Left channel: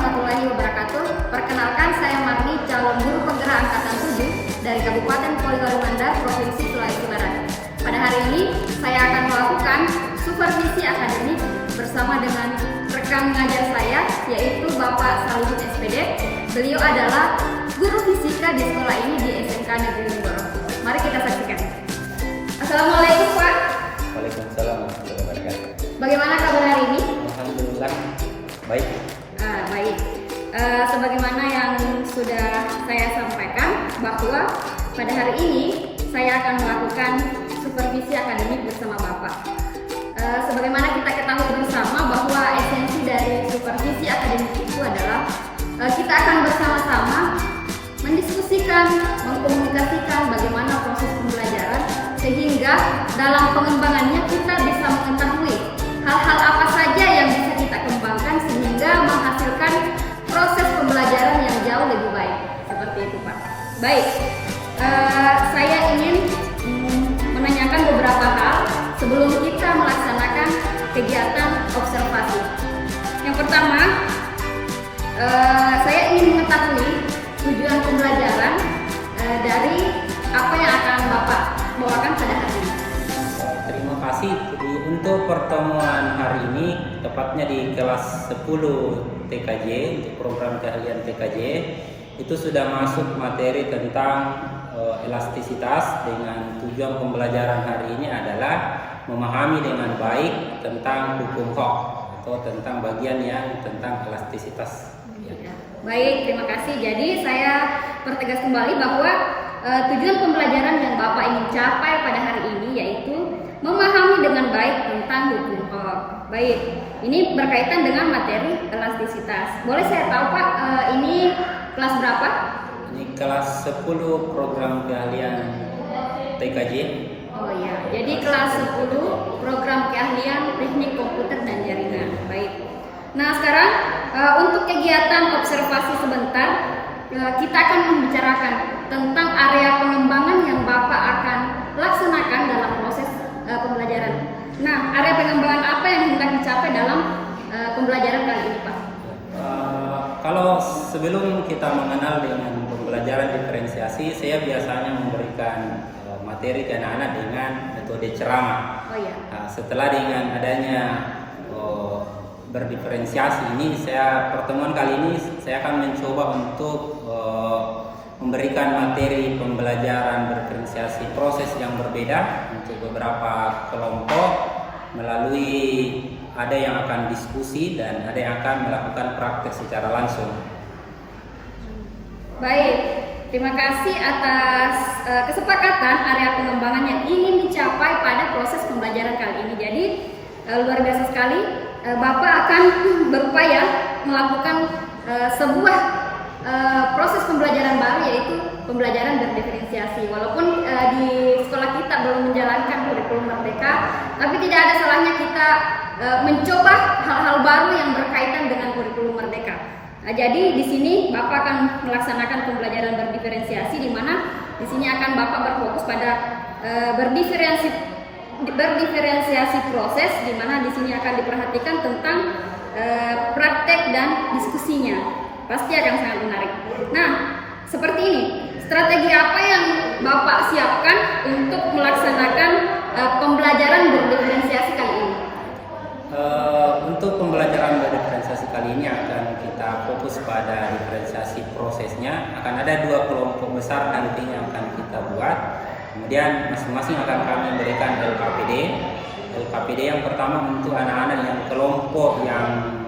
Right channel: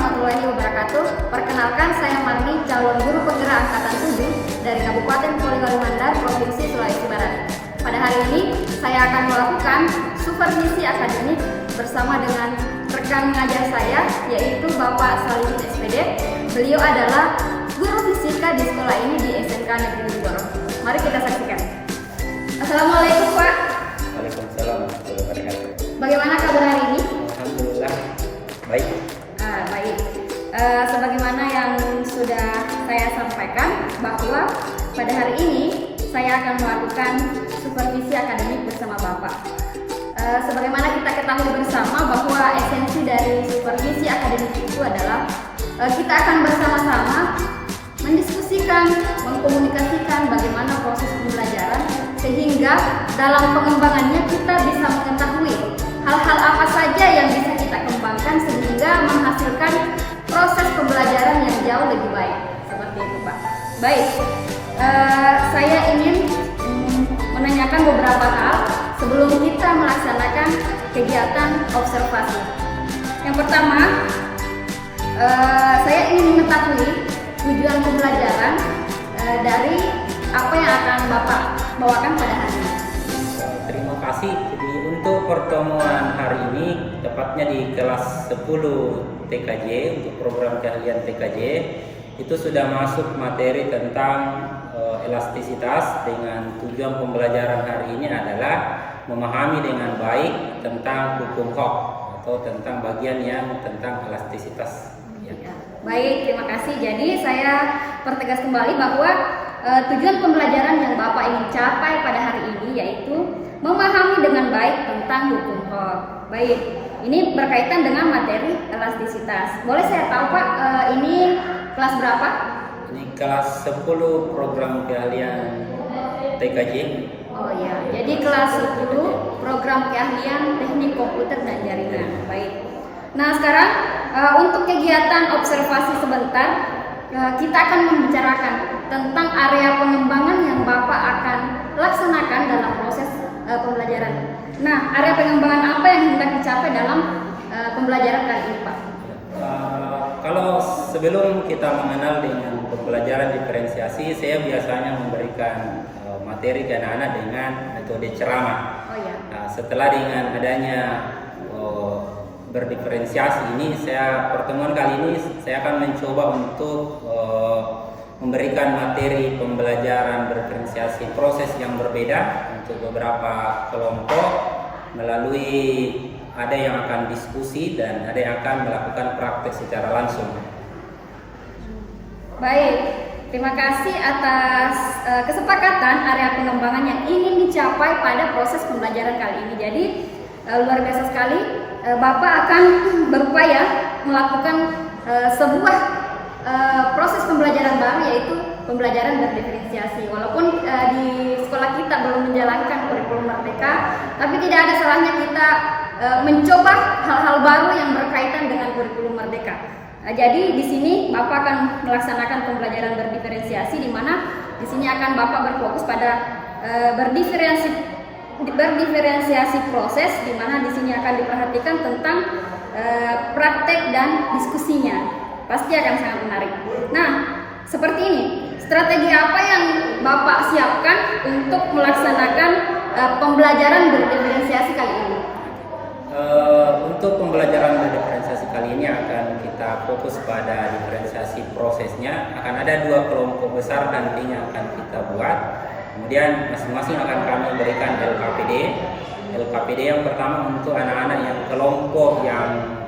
warahmatullahi wabarakatuh. Perkenalkan, saya Marni, calon guru penggerak angkatan 7 dari Kabupaten Polinaru Mandar, Provinsi Sulawesi Barat. Pada hari ini, saya akan melakukan supervisi akademik bersama dengan rekan mengajar saya, yaitu Bapak Salim SPD. Beliau adalah guru fisika di sekolah ini di SMK Negeri Mindoro. Mari kita saksikan. Assalamualaikum, Pak. Waalaikumsalam warahmatullahi wabarakatuh. Bagaimana kabar hari ini? Alhamdulillah baik. Baik. Sebagaimana yang sudah saya sampaikan bahwa pada hari ini saya akan melakukan supervisi akademik bersama Bapak. Sebagaimana kita ketahui bersama bahwa esensi dari supervisi akademik itu adalah kita akan bersama-sama mendiskusikan, mengkomunikasikan bagaimana proses pembelajaran sehingga dalam pengembangannya kita bisa mengetahui hal-hal apa saja yang bisa kita kembangkan sehingga menghasilkan proses pembelajaran yang jauh lebih baik. Seperti itu, Pak. Baik, saya ingin menanyakan beberapa hal sebelum kita melaksanakan kegiatan observasi. Yang pertama, saya ingin mengetahui tujuan pembelajaran dari apa yang akan Bapak bawakan pada hari ini. Terima kasih. Jadi untuk pertemuan hari ini tepatnya di kelas 10 TKJ untuk program keahlian TKJ itu sudah masuk materi tentang elastisitas dengan tujuan pembelajaran hari ini adalah memahami dengan baik tentang hukum Hooke atau tentang bagian yang tentang elastisitas. Ya. Baik, terima kasih. Jadi saya pertegas kembali bahwa tujuan pembelajaran yang Bapak ingin capai pada hari ini yaitu memahami dengan baik tentang hukum Hooke. Baik, ini berkaitan dengan materi elastisitas. Boleh saya tahu, Pak, ini kelas berapa? Ini kelas 10 program keahlian TKJ. Oh ya, jadi kelas 10 program keahlian teknik komputer dan jaringan. Baik. Nah, sekarang untuk kegiatan observasi sebentar, kita akan membicarakan tentang area pengembangan yang Bapak akan laksanakan dalam proses pembelajaran. Nah, area pengembangan apa yang hendak dicapai dalam pembelajaran kali ini, Pak? Kalau sebelum kita mengenal dengan pembelajaran diferensiasi, saya biasanya memberikan materi ke anak-anak dengan metode ceramah. Oh iya. Nah, setelah dengan adanya berdiferensiasi ini, pertemuan kali ini saya akan mencoba untuk memberikan materi pembelajaran berdiferensiasi proses yang berbeda untuk beberapa kelompok melalui ada yang akan diskusi dan ada yang akan melakukan praktek secara langsung. Baik, terima kasih atas kesepakatan area pengembangan yang ingin dicapai pada proses pembelajaran kali ini. Jadi luar biasa sekali, Bapak akan berupaya melakukan sebuah proses pembelajaran baru, yaitu pembelajaran berdiferensiasi. Walaupun di sekolah kita belum menjalankan kurikulum merdeka, tapi tidak ada salahnya kita mencoba hal-hal baru yang berkaitan dengan kurikulum merdeka. Jadi di sini Bapak akan melaksanakan pembelajaran berdiferensiasi, di mana di sini akan Bapak berfokus pada berdiferensiasi proses, di mana di sini akan diperhatikan tentang praktek dan diskusinya. Pasti akan sangat menarik. Nah, seperti ini, strategi apa yang Bapak siapkan untuk melaksanakan pembelajaran berdiferensiasi kali ini? Untuk pembelajaran berdiferensiasi kali ini akan kita fokus pada diferensiasi prosesnya. Akan ada 2 kelompok besar nantinya akan kita buat. Kemudian masing-masing akan kami berikan LKPD. LKPD yang pertama untuk anak-anak yang kelompok yang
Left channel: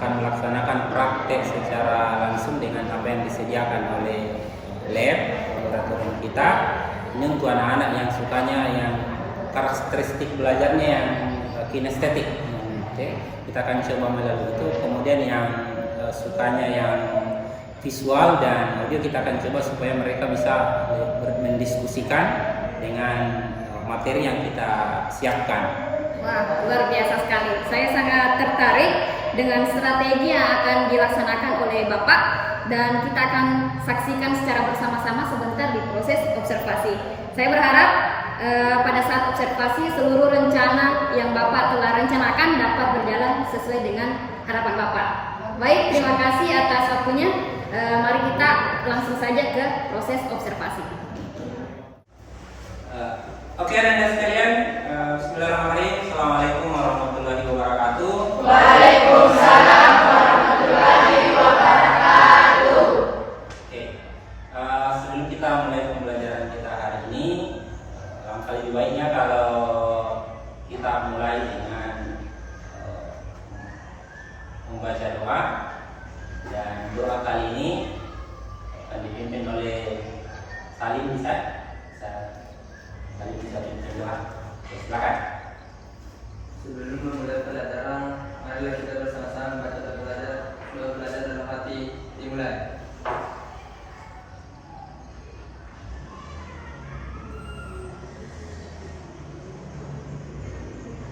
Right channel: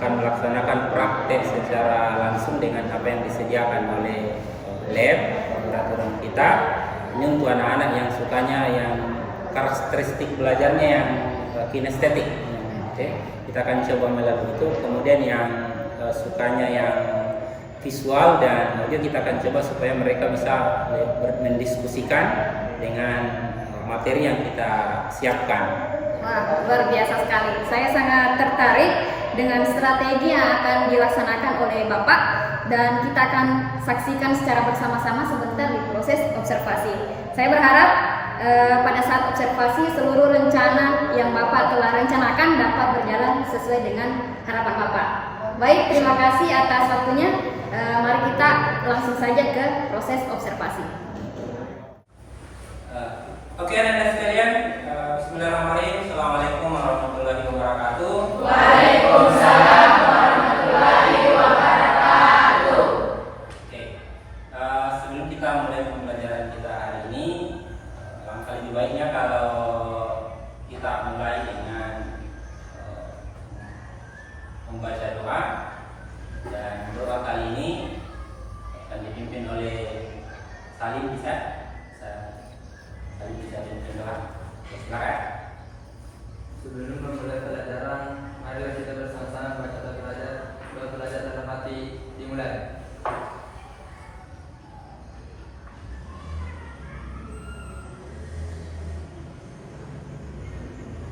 akan melaksanakan praktek secara langsung dengan apa yang disediakan oleh lab laboratorium kita. Ini untuk anak-anak yang sukanya yang karakteristik belajarnya yang kinestetik. Kita akan coba melalui itu. Kemudian yang sukanya yang visual dan audio, kita akan coba supaya mereka bisa mendiskusikan dengan materi yang kita siapkan. Wah, luar biasa sekali. Saya sangat tertarik dengan strategi yang akan dilaksanakan oleh Bapak, dan kita akan saksikan secara bersama-sama sebentar di proses observasi. Saya berharap pada saat observasi seluruh rencana yang Bapak telah rencanakan dapat berjalan sesuai dengan harapan Bapak. Baik, terima kasih atas waktunya. Mari kita langsung saja ke proses observasi. Oke, anak-anak sekalian, bismillahirrahmanirrahim. Assalamualaikum warahmatullahi wabarakatuh. Waalaikumsalam warahmatullahi wabarakatuh. Oke, sebelum kita mulai pembelajaran kita hari ini, langkah lebih baiknya kalau kita mulai dengan membaca doa, dan doa kali ini akan dipimpin oleh Salim. Salim bisa dipimpin doa. Silakan. Sebelum memulai pelajaran, marilah kita bersama-sama membaca doa belajar dalam hati. Dimulai.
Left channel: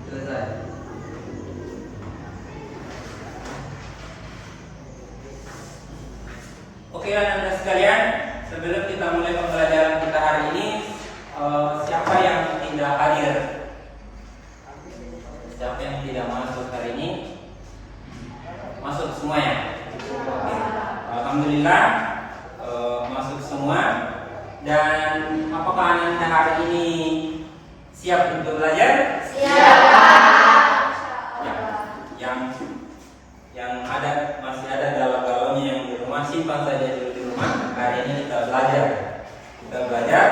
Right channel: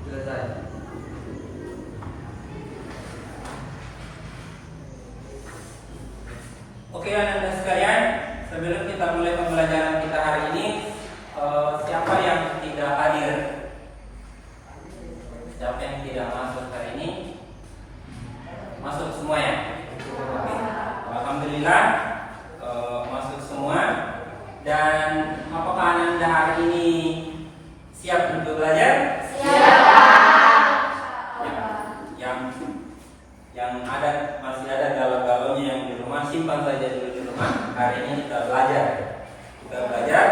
Selesai. Oke, anak-anak sekalian, sebelum kita mulai pembelajaran kita hari ini, siapa yang tidak hadir? Siapa yang tidak masuk hari ini? Masuk semua ya? Oke. Alhamdulillah, masuk semua. Dan apakah Anda hari ini siap untuk belajar? Siap. Yang masih ada galau-galaunya yang di rumah, simpan saja dulu di rumah. Hari ini kita belajar.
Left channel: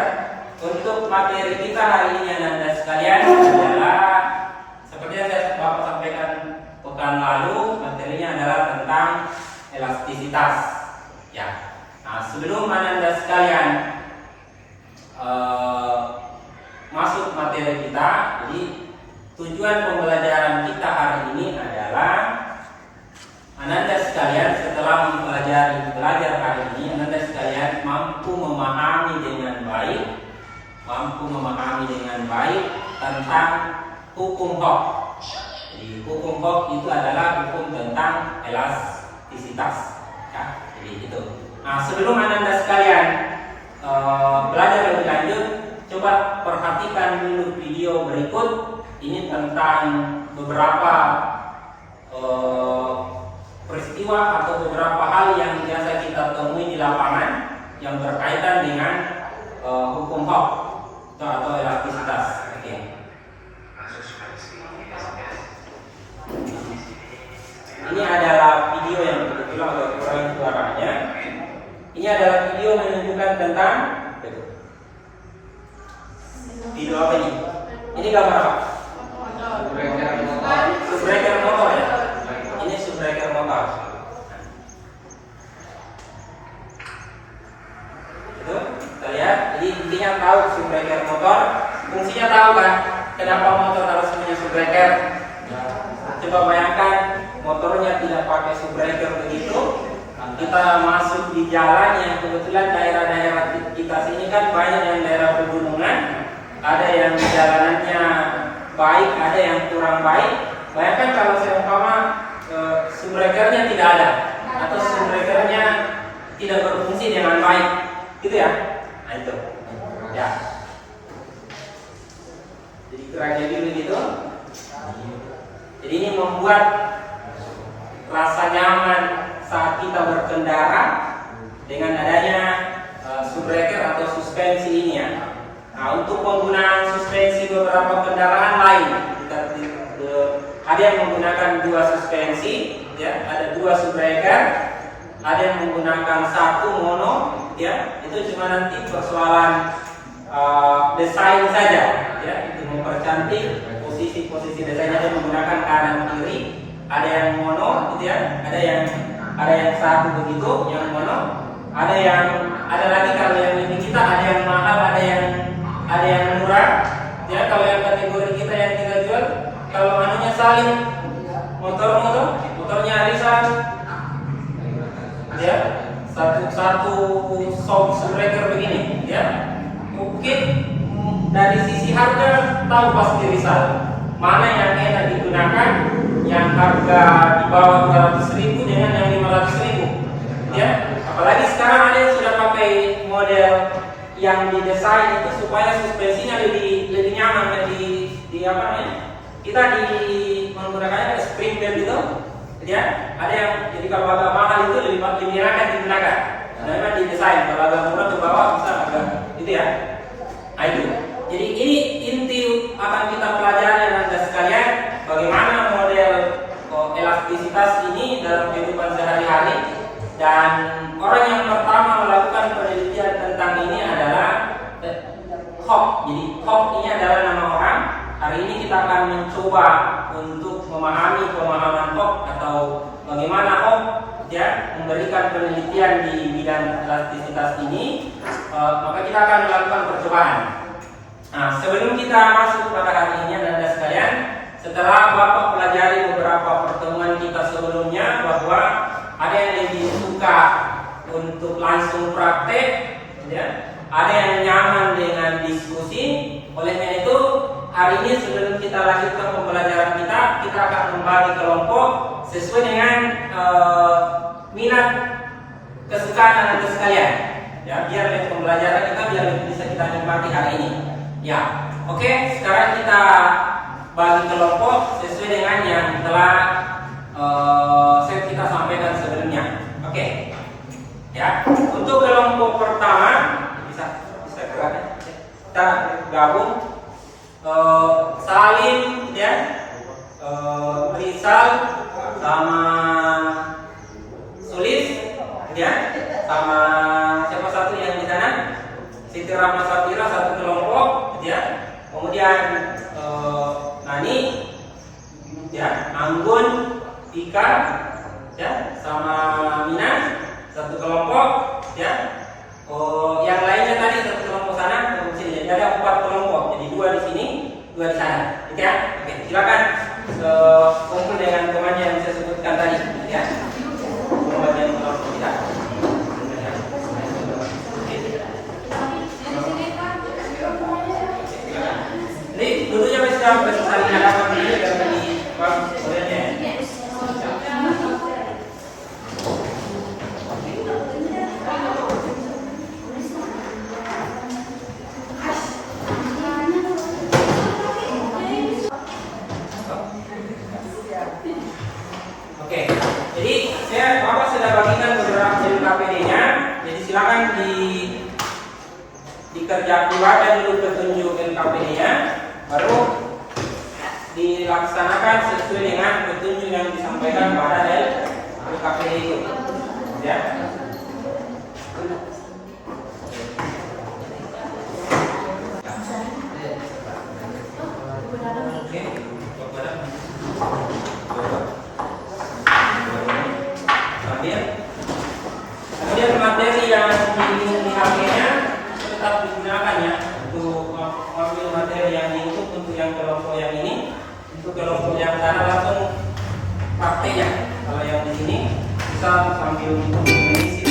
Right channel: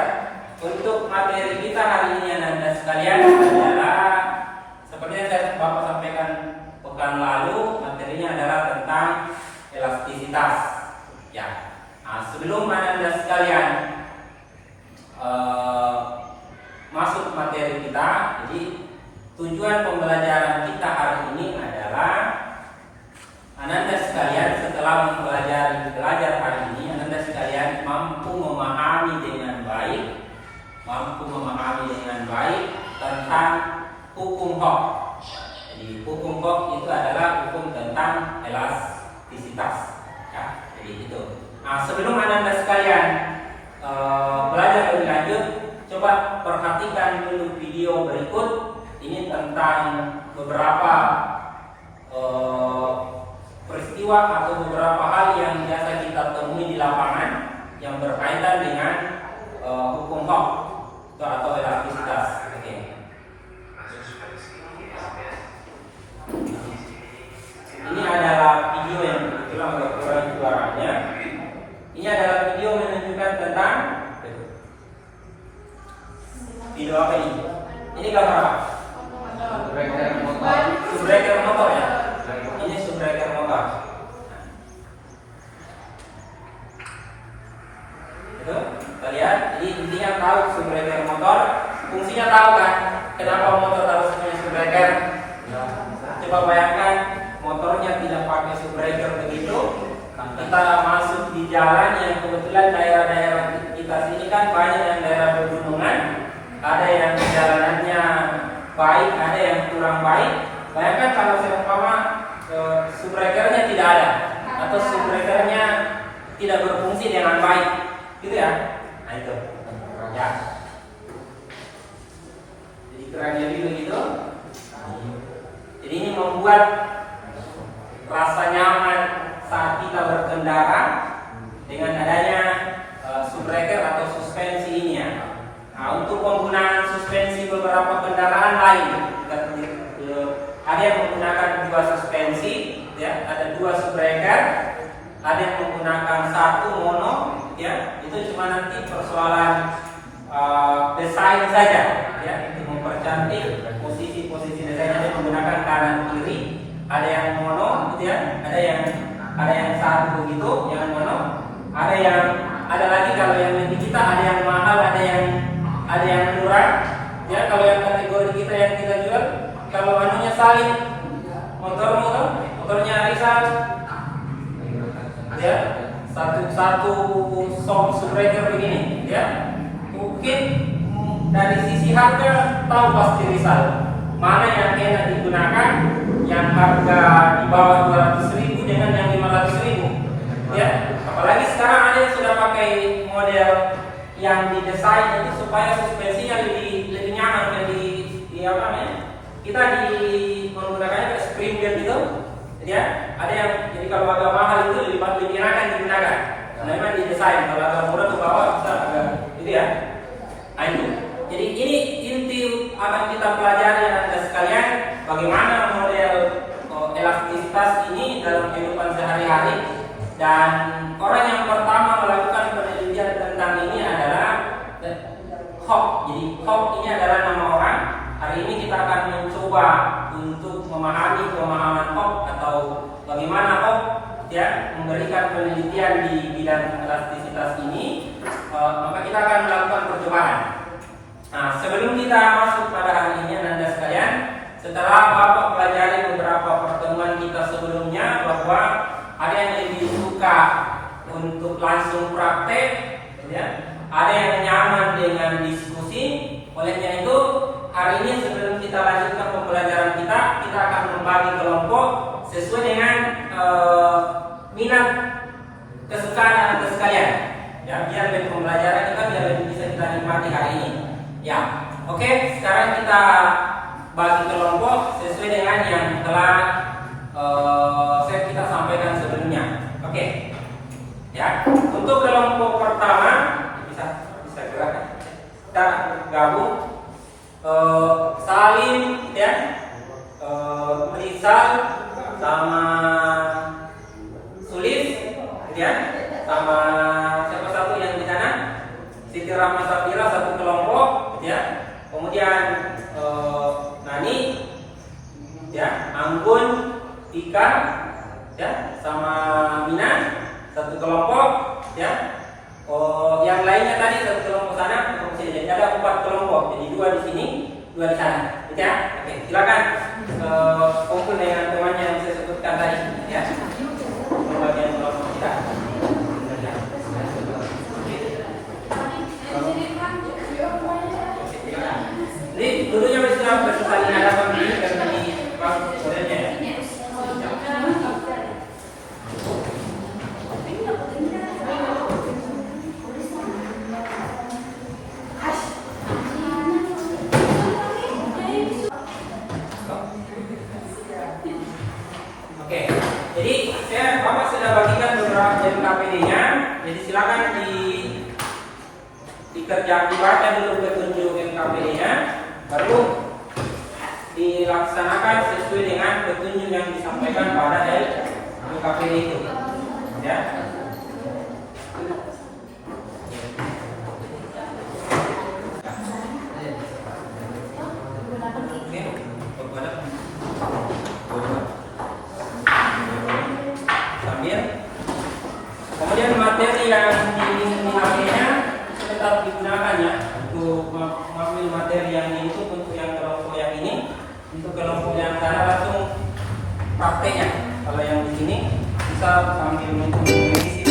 Untuk materi kita hari ini anak-anak sekalian adalah seperti yang Bapak sampaikan pekan lalu, materinya adalah tentang elastisitas. Ya. Nah, sebelum anak-anak sekalian masuk materi kita, jadi tujuan pembelajaran kita hari ini adalah Ananda sekalian setelah belajar hari ini, Ananda sekalian mampu memahami dengan baik tentang hukum Hooke. Jadi hukum Hooke itu adalah hukum tentang elastisitas. Ya, jadi itu. Nah, sebelum Ananda sekalian belajar lebih lanjut, coba perhatikan dulu video berikut. Ini tentang beberapa peristiwa atau beberapa hal yang biasa kita temui di lapangan yang berkaitan dengan hukum Hooke atau elastisitas. Oke. Ini adalah video yang kebetulan agak kurang suaranya. Ini adalah video menunjukkan tentang video apa ini? Ini gambar apa? Subbreaker motor ya. Ini subbreaker motor. Itu kita lihat. Jadi intinya tahu subbreaker motor. Fungsinya tahu kan? Kenapa motor harus punya subbreaker? Coba bayangkan motornya tidak pakai subbreaker begitu. Kita masuk di jalan yang kebetulan daerah-daerah kita sini kan banyak yang daerah pegunungan. Ada yang jalanannya baik, ada yang kurang baik. Bayangkan kalau seumpama subbreakernya tidak ada atau subbreakernya tidak berfungsi dengan baik, gitu ya. Nah itu, ya. Jadi kerannya dulu gitu. Jadi ini membuat rasa nyaman saat kita berkendara dengan adanya subbreaker atau suspensi ini ya. Nah, untuk penggunaan suspensi beberapa kendaraan lain, ada yang menggunakan dua suspensi, ya, ada dua subbreaker, ada yang menggunakan satu mono, ya, itu cuma nanti persoalan desain saja, ya, untuk mempercantik posisi desainnya dia menggunakan kanan kiri, ada yang mono, gitu ya, ada yang satu begitu, yang mono, ada lagi kalau yang lebih kita ada yang mahal, ada yang murah, ya. Kalau yang kategori kita yang kita jual, kalau anunya salin, motornya arisan, ya, satu subbreaker begini, ya. Mungkin dari sisi harga tahu pasti risal mana yang enak digunakan, yang harga di bawah 200.000 dengan yang 500.000, ya. Apalagi sekarang ada yang sudah pakai model yang didesain itu supaya suspensinya lebih nyaman, di apa namanya? Kita menggunakannya spring belt itu. Ya, ada yang jadi kalau agak mahal itu lebih enakan digunakan. Karena memang didesain kalau agak murah ke bawah bisa agak gitu ya. Nah, itu. Jadi ini inti akan kita pelajari Anda sekalian bagaimana model elastisitas ini dalam kehidupan sehari-hari. Dan orang yang pertama melakukan penelitian tentang ini adalah Hawke. Jadi Hawke ini adalah nama orang. Hari ini kita akan mencoba untuk memahami pemahaman Hawke atau bagaimana Hawke ya memberikan penelitian di bidang elastisitas ini. Maka kita akan melakukan percobaan. Nah, sebelum kita masuk pada hari ini Anda sekalian, setelah Bapak pelajari beberapa pertemuan kita sebelumnya bahwa ada yang lebih suka untuk langsung praktek, ya. Ada yang nyaman dengan diskusi. Olehnya itu, hari ini sebelum kita lanjutkan pembelajaran kita akan membagi kelompok sesuai dengan minat kesukaan Anda sekalian. Ya, biar lebih pembelajaran kita biar lebih bisa kita nikmati hari ini. Ya, oke. Sekarang kita bagi kelompok sesuai dengan yang telah kita sampaikan sebelumnya. Oke. Ya, untuk kelompok pertama bisa gerak. Kita gabung Salim ya, Rizal sama Sulis ya, sama siapa satu yang di sana? Siti Rahma Safira satu kelompok ya. Kemudian Nani ya, Anggun, Tika ya, sama Mina satu kelompok ya. Yang lainnya tadi satu kelompok sana, kelompok sini. Jadi ada 4 kelompok. Jadi 2 di sini, 2 di sana. Ya. Oke, silakan kumpul dengan temannya yang saya sebutkan tadi ya. Bagian kelompok kita. Jadi dulunya bisa saling nakal begini karena ini bagus modelnya. Oke, jadi Bapak sudah bagikan beberapa KPD-nya. Jadi silakan dikerjakan dibaca dulu petunjuk KPD-nya, baru dilaksanakan sesuai dengan petunjuk yang disampaikan pada LKPD itu. Ya. Oke, kemudian materi yang dihasilkan tetap digunakan ya untuk mengambil materi yang diinput untuk yang kelompok yang ini. Untuk kelompok yang sana langsung prakteknya. Kalau yang di sini bisa sambil mengisi.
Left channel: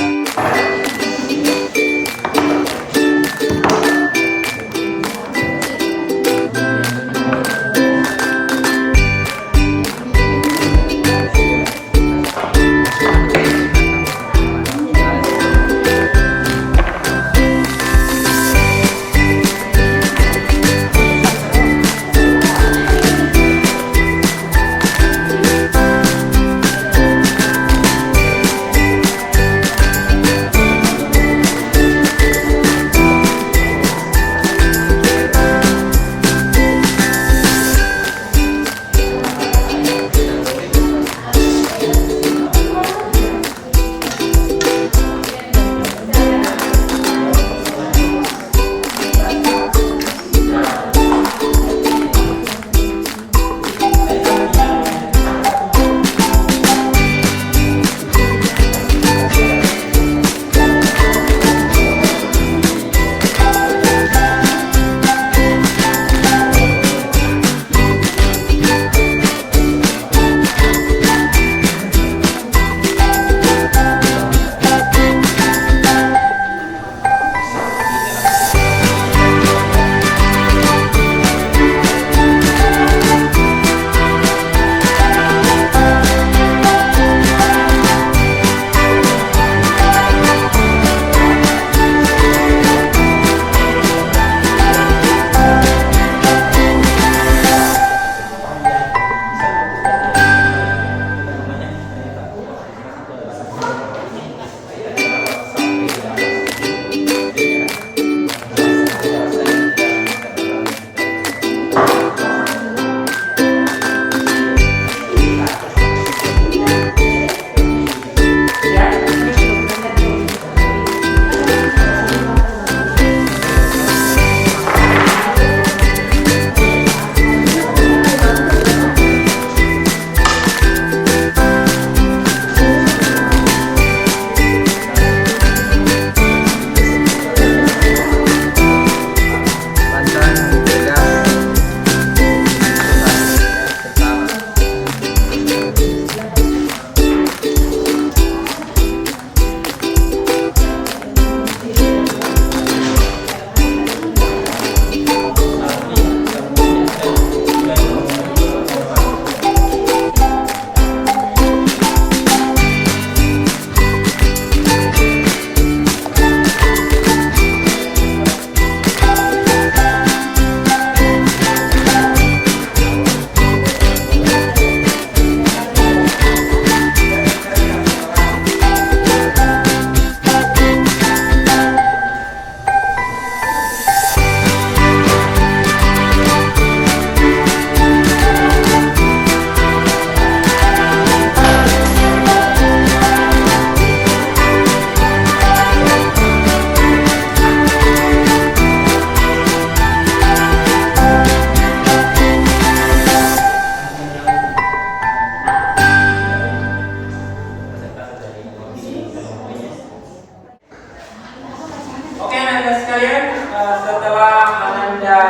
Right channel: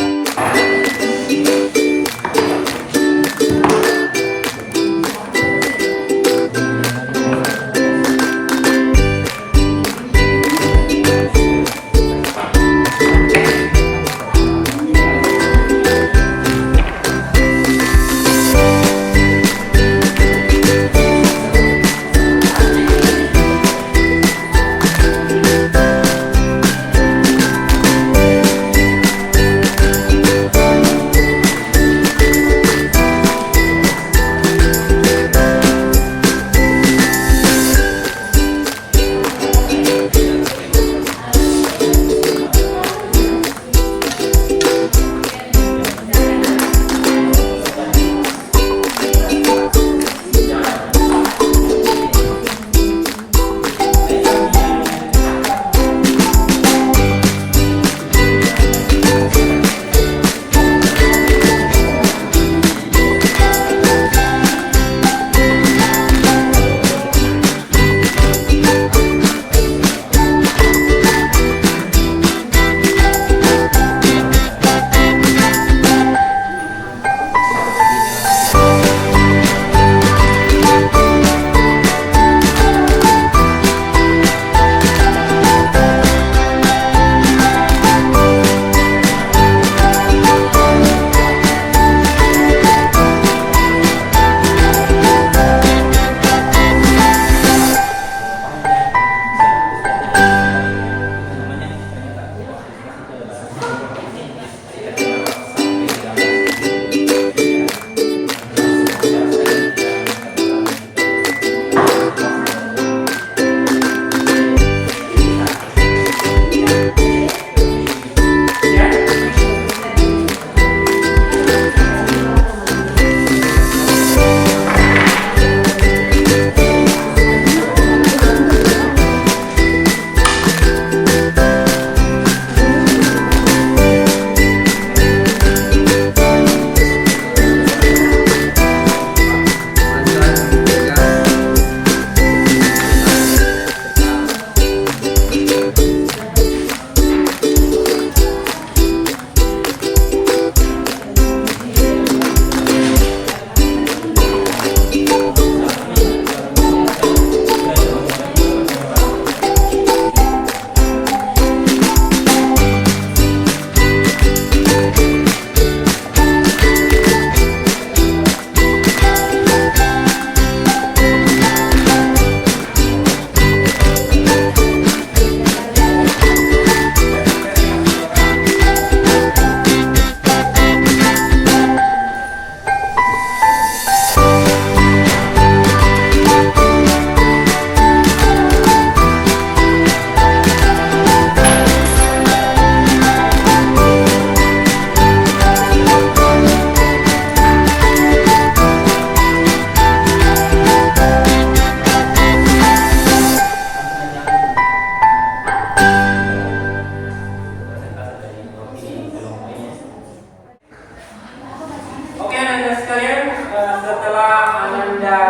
setelah Anda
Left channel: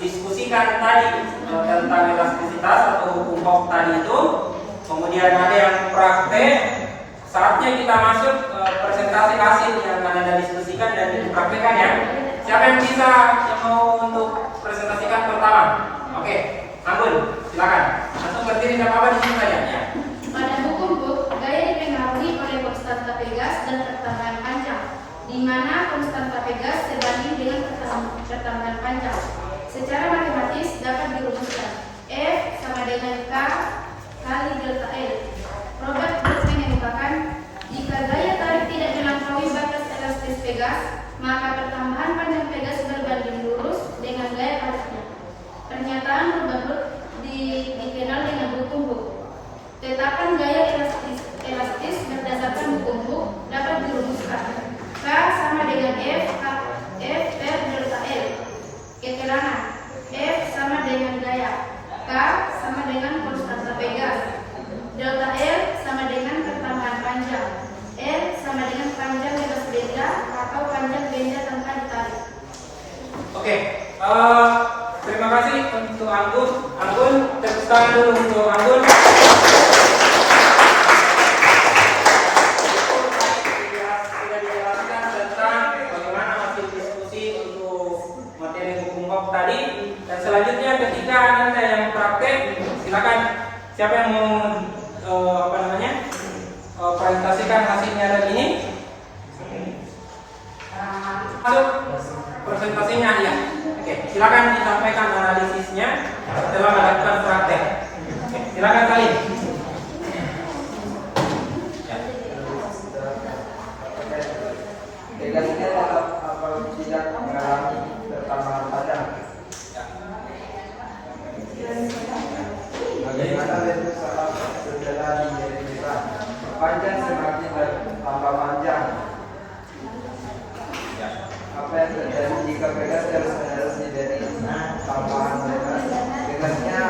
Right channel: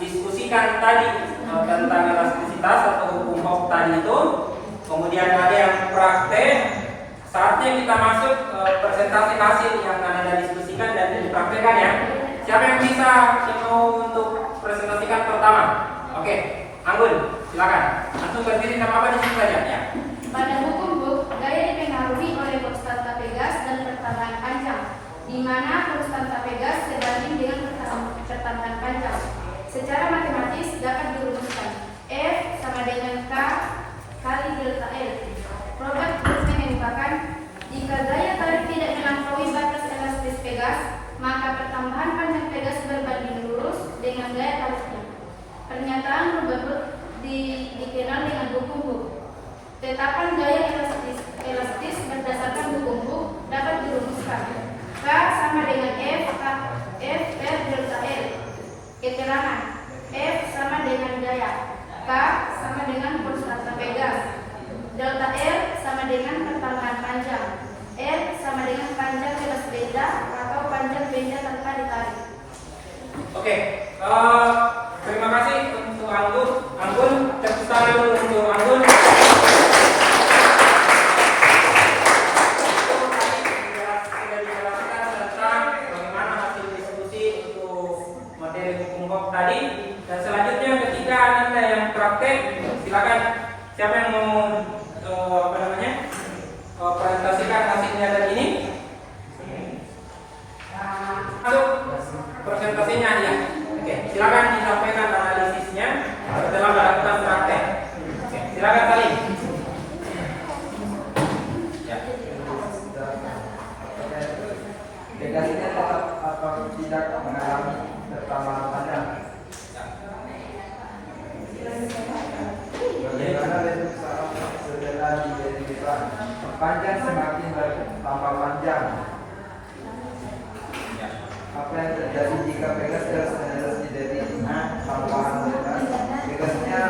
diskusikan tadi tentang elastisitas atau hukum Hooke tadi itu, kemudian ada yang praktek, saatnya kita masuk presentasi hasil yang akan Anda diskusikan dan dipraktekkan ya. Siapa yang bisa yang mau untuk presentasikan pertama? Oke, Anggun, silakan. Langsung berdiri nggak apa-apa di sini saja ya. Pada hukum Hooke, gaya dipengaruhi oleh konstanta Pegas dan pertambahan panjang, di mana konstanta Pegas sebanding dengan pertambahan panjang. Secara matematis dapat dirumuskan F sama dengan K kali delta L. Robert Hooke menyatakan jika gaya tarik tidak melampaui batas elastis Pegas, maka pertambahan panjang Pegas berbanding lurus dengan gaya tariknya. Pernyataan Robert Hooke dikenal dengan hukum Hooke. Tetapan gaya elastis berdasarkan hukum Hooke dapat dirumuskan K sama dengan F per delta L. Keterangan F sama dengan gaya, K sama dengan konstanta Pegas, delta L sama dengan pertambahan panjang, L sama dengan panjang garis benda atau panjang benda tanpa ditarik. Oke, terima kasih untuk Anggun. Anggun, tepuk tangan dulu untuk Anggun. Sudah dijelaskan tentang bagaimana hasil diskusi untuk materi hukum Hooke tadi. Dan selanjutnya ketika Anda yang praktek, silakan siapa yang mau presentasikan hasilnya ada ini. Masuk presentasinya ya. Oke, silakan disampaikan analisisnya setelah melakukan praktek. Oke, silakan Salim. Ya. Pegas ini tetap atau tidak mengalami pertambahan panjang. Bagaimana bentuk saat setelah diderikan? Panjang semakin bertambah panjang. Apa yang terjadi jika Pegas terus-menerus diberi tambahan Pegasnya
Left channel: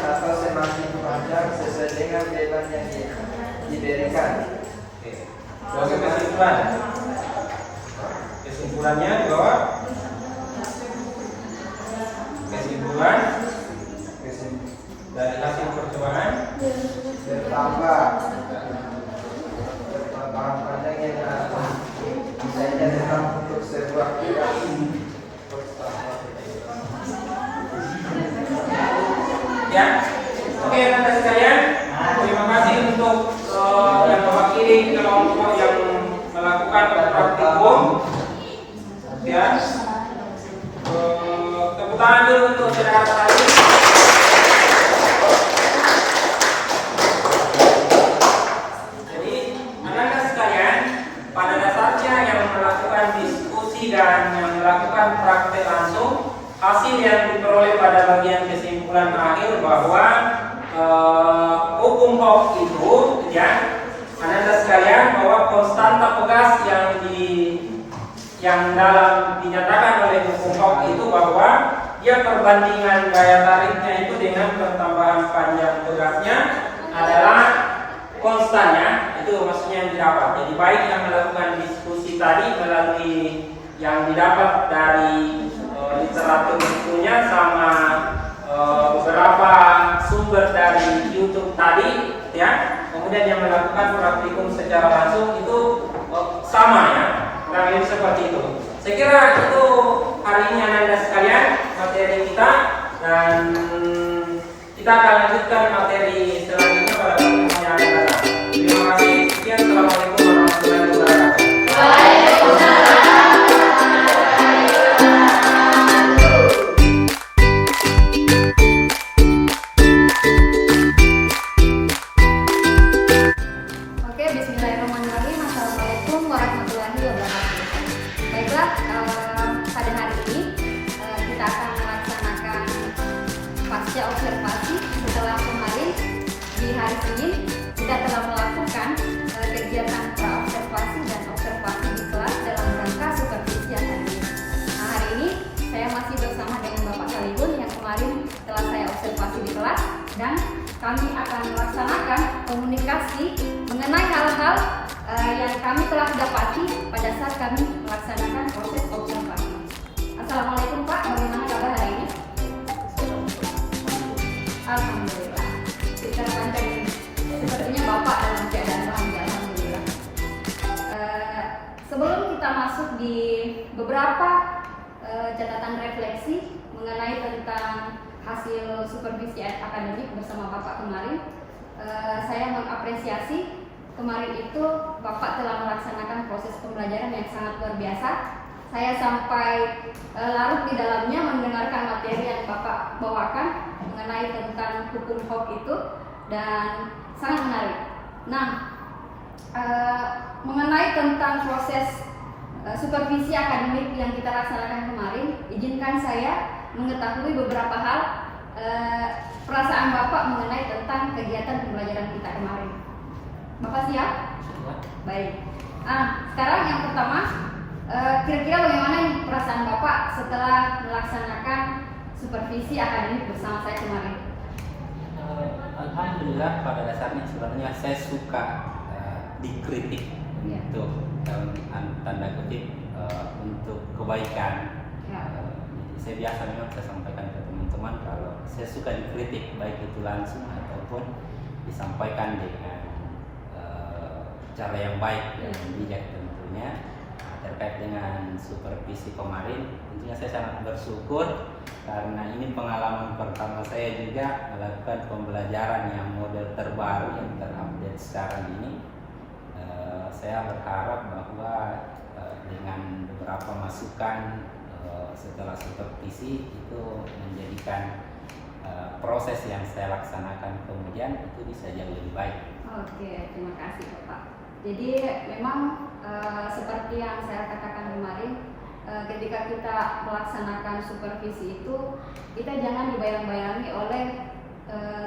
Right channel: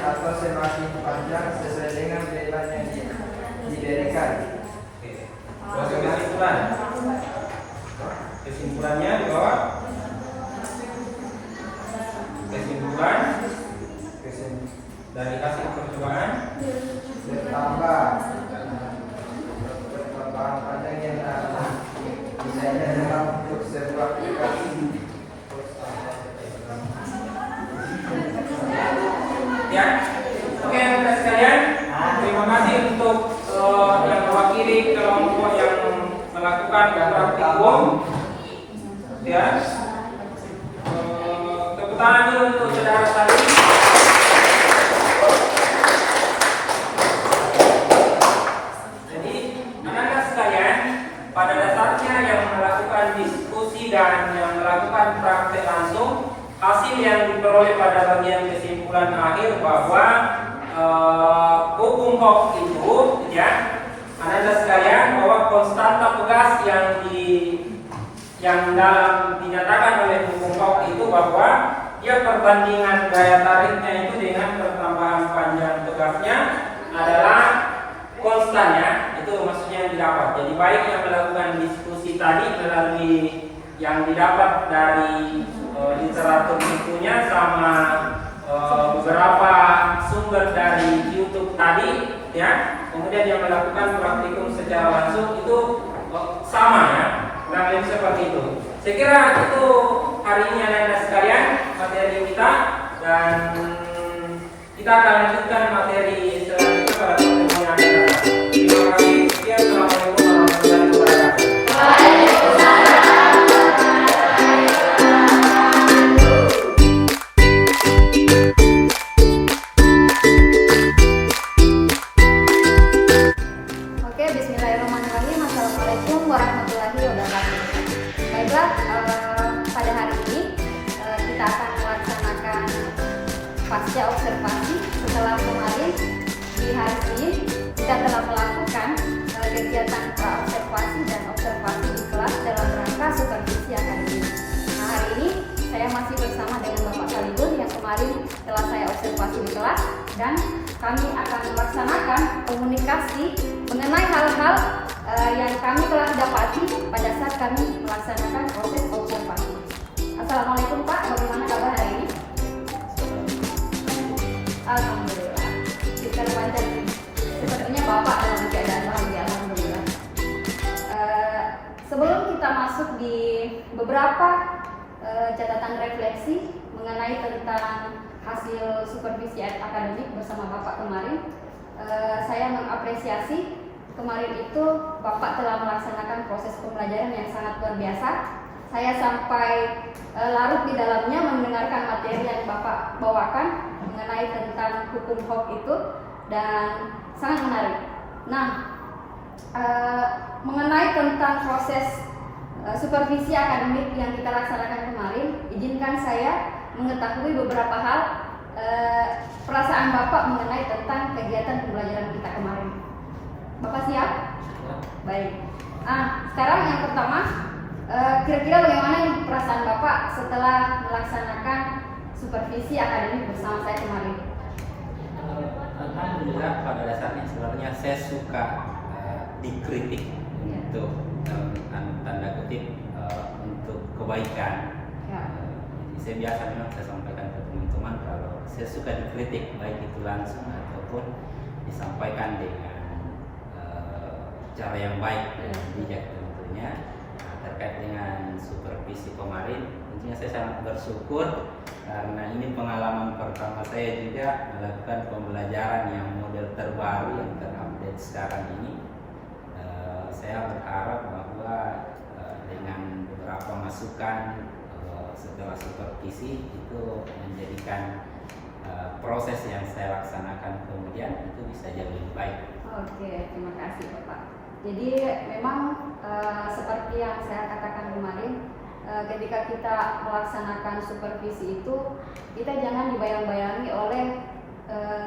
atau semakin panjang sesuai dengan beban yang diberikan. Kesimpulan. Kesimpulannya di bawah. Kesimpulan dari hasil percobaan Bertambah panjang yang misalnya dalam untuk sebuah aplikasi. ya. Oke, rekan sekalian, terima kasih untuk yang mewakili kelompok yang melakukan praktikum. Ya. Tepuk tangan dulu untuk saudara tadi. Jadi, anak-anak sekalian, pada dasarnya yang melakukan diskusi dan yang melakukan praktek langsung, hasil yang diperoleh pada bagian kesimpulan akhir bahwa hukum Hooke itu, ya, anak-anak sekalian, bahwa konstanta Pegas yang dalam dinyatakan oleh hukum Hooke itu bahwa dia perbandingan gaya tariknya itu dengan pertambahan panjang Pegasnya adalah konstannya, itu maksudnya yang didapat. Jadi baik yang melakukan diskusi tadi melalui yang didapat dari literatur bukunya sama beberapa sumber dari YouTube tadi, ya. Kemudian yang melakukan praktikum secara langsung itu sama ya, kurang lebih seperti itu. Saya kira itu hari ini anak-anak sekalian materi kita, dan kita akan lanjutkan materi selanjutnya pada pertemuan yang akan datang. Terima kasih. Sekian. Assalamualaikum warahmatullahi wabarakatuh. Bismillahirrahmanirrahim. Assalamualaikum warahmatullahi wabarakatuh. Baiklah, pada hari ini kita akan melaksanakan pasca observasi. Setelah kemarin di hari ini kita telah melakukan kegiatan pra-observasi dan observasi di kelas dalam rangka supervisi akademik. Nah, hari ini saya masih bersama dengan Bapak Kaligun yang kemarin telah saya observasi di kelas, dan kami akan melaksanakan komunikasi mengenai hal-hal yang kami telah dapati pada saat kami melaksanakan proses observasi. Assalamualaikum Pak, bagaimana kabar hari ini? Alhamdulillah. Kita panjang ini. Sepertinya Bapak dalam keadaan bahagia, alhamdulillah. Sebelum kita masuk di beberapa catatan refleksi mengenai tentang hasil supervisi akademik bersama Bapak kemarin, saya mengapresiasi kemarin itu Bapak telah melaksanakan proses pembelajaran yang sangat luar biasa. Saya sampai larut di dalamnya mendengarkan materi yang Bapak bawakan mengenai tentang hukum HOP itu, dan sangat menarik. Nah, mengenai tentang proses supervisi akademik yang kita laksanakan kemarin, izinkan saya mengetahui beberapa hal perasaan Bapak mengenai tentang kegiatan pembelajaran kita kemarin. Bapak siap? Baik. Sekarang yang pertama, kira-kira bagaimana nih perasaan Bapak setelah melaksanakan supervisi akademik bersama saya kemarin? Alhamdulillah, pada dasarnya sebenarnya saya suka dikritik untuk tanda kutip untuk kebaikan. Saya biasa memang saya sampaikan ke teman-teman kalau saya suka dikritik, baik itu langsung ataupun disampaikan dengan cara yang baik dan bijak tentunya. Terkait dengan supervisi kemarin, tentunya saya sangat bersyukur karena ini pengalaman pertama saya juga melakukan pembelajaran yang model terbaru yang terupdate sekarang ini. Saya berharap bahwa dengan beberapa masukan setelah supervisi itu menjadikan proses yang saya laksanakan kemudian itu bisa jauh lebih baik. Oke, terima kasih Bapak. Jadi memang seperti yang saya katakan kemarin, ketika kita melaksanakan supervisi itu kita jangan dibayang-bayangi oleh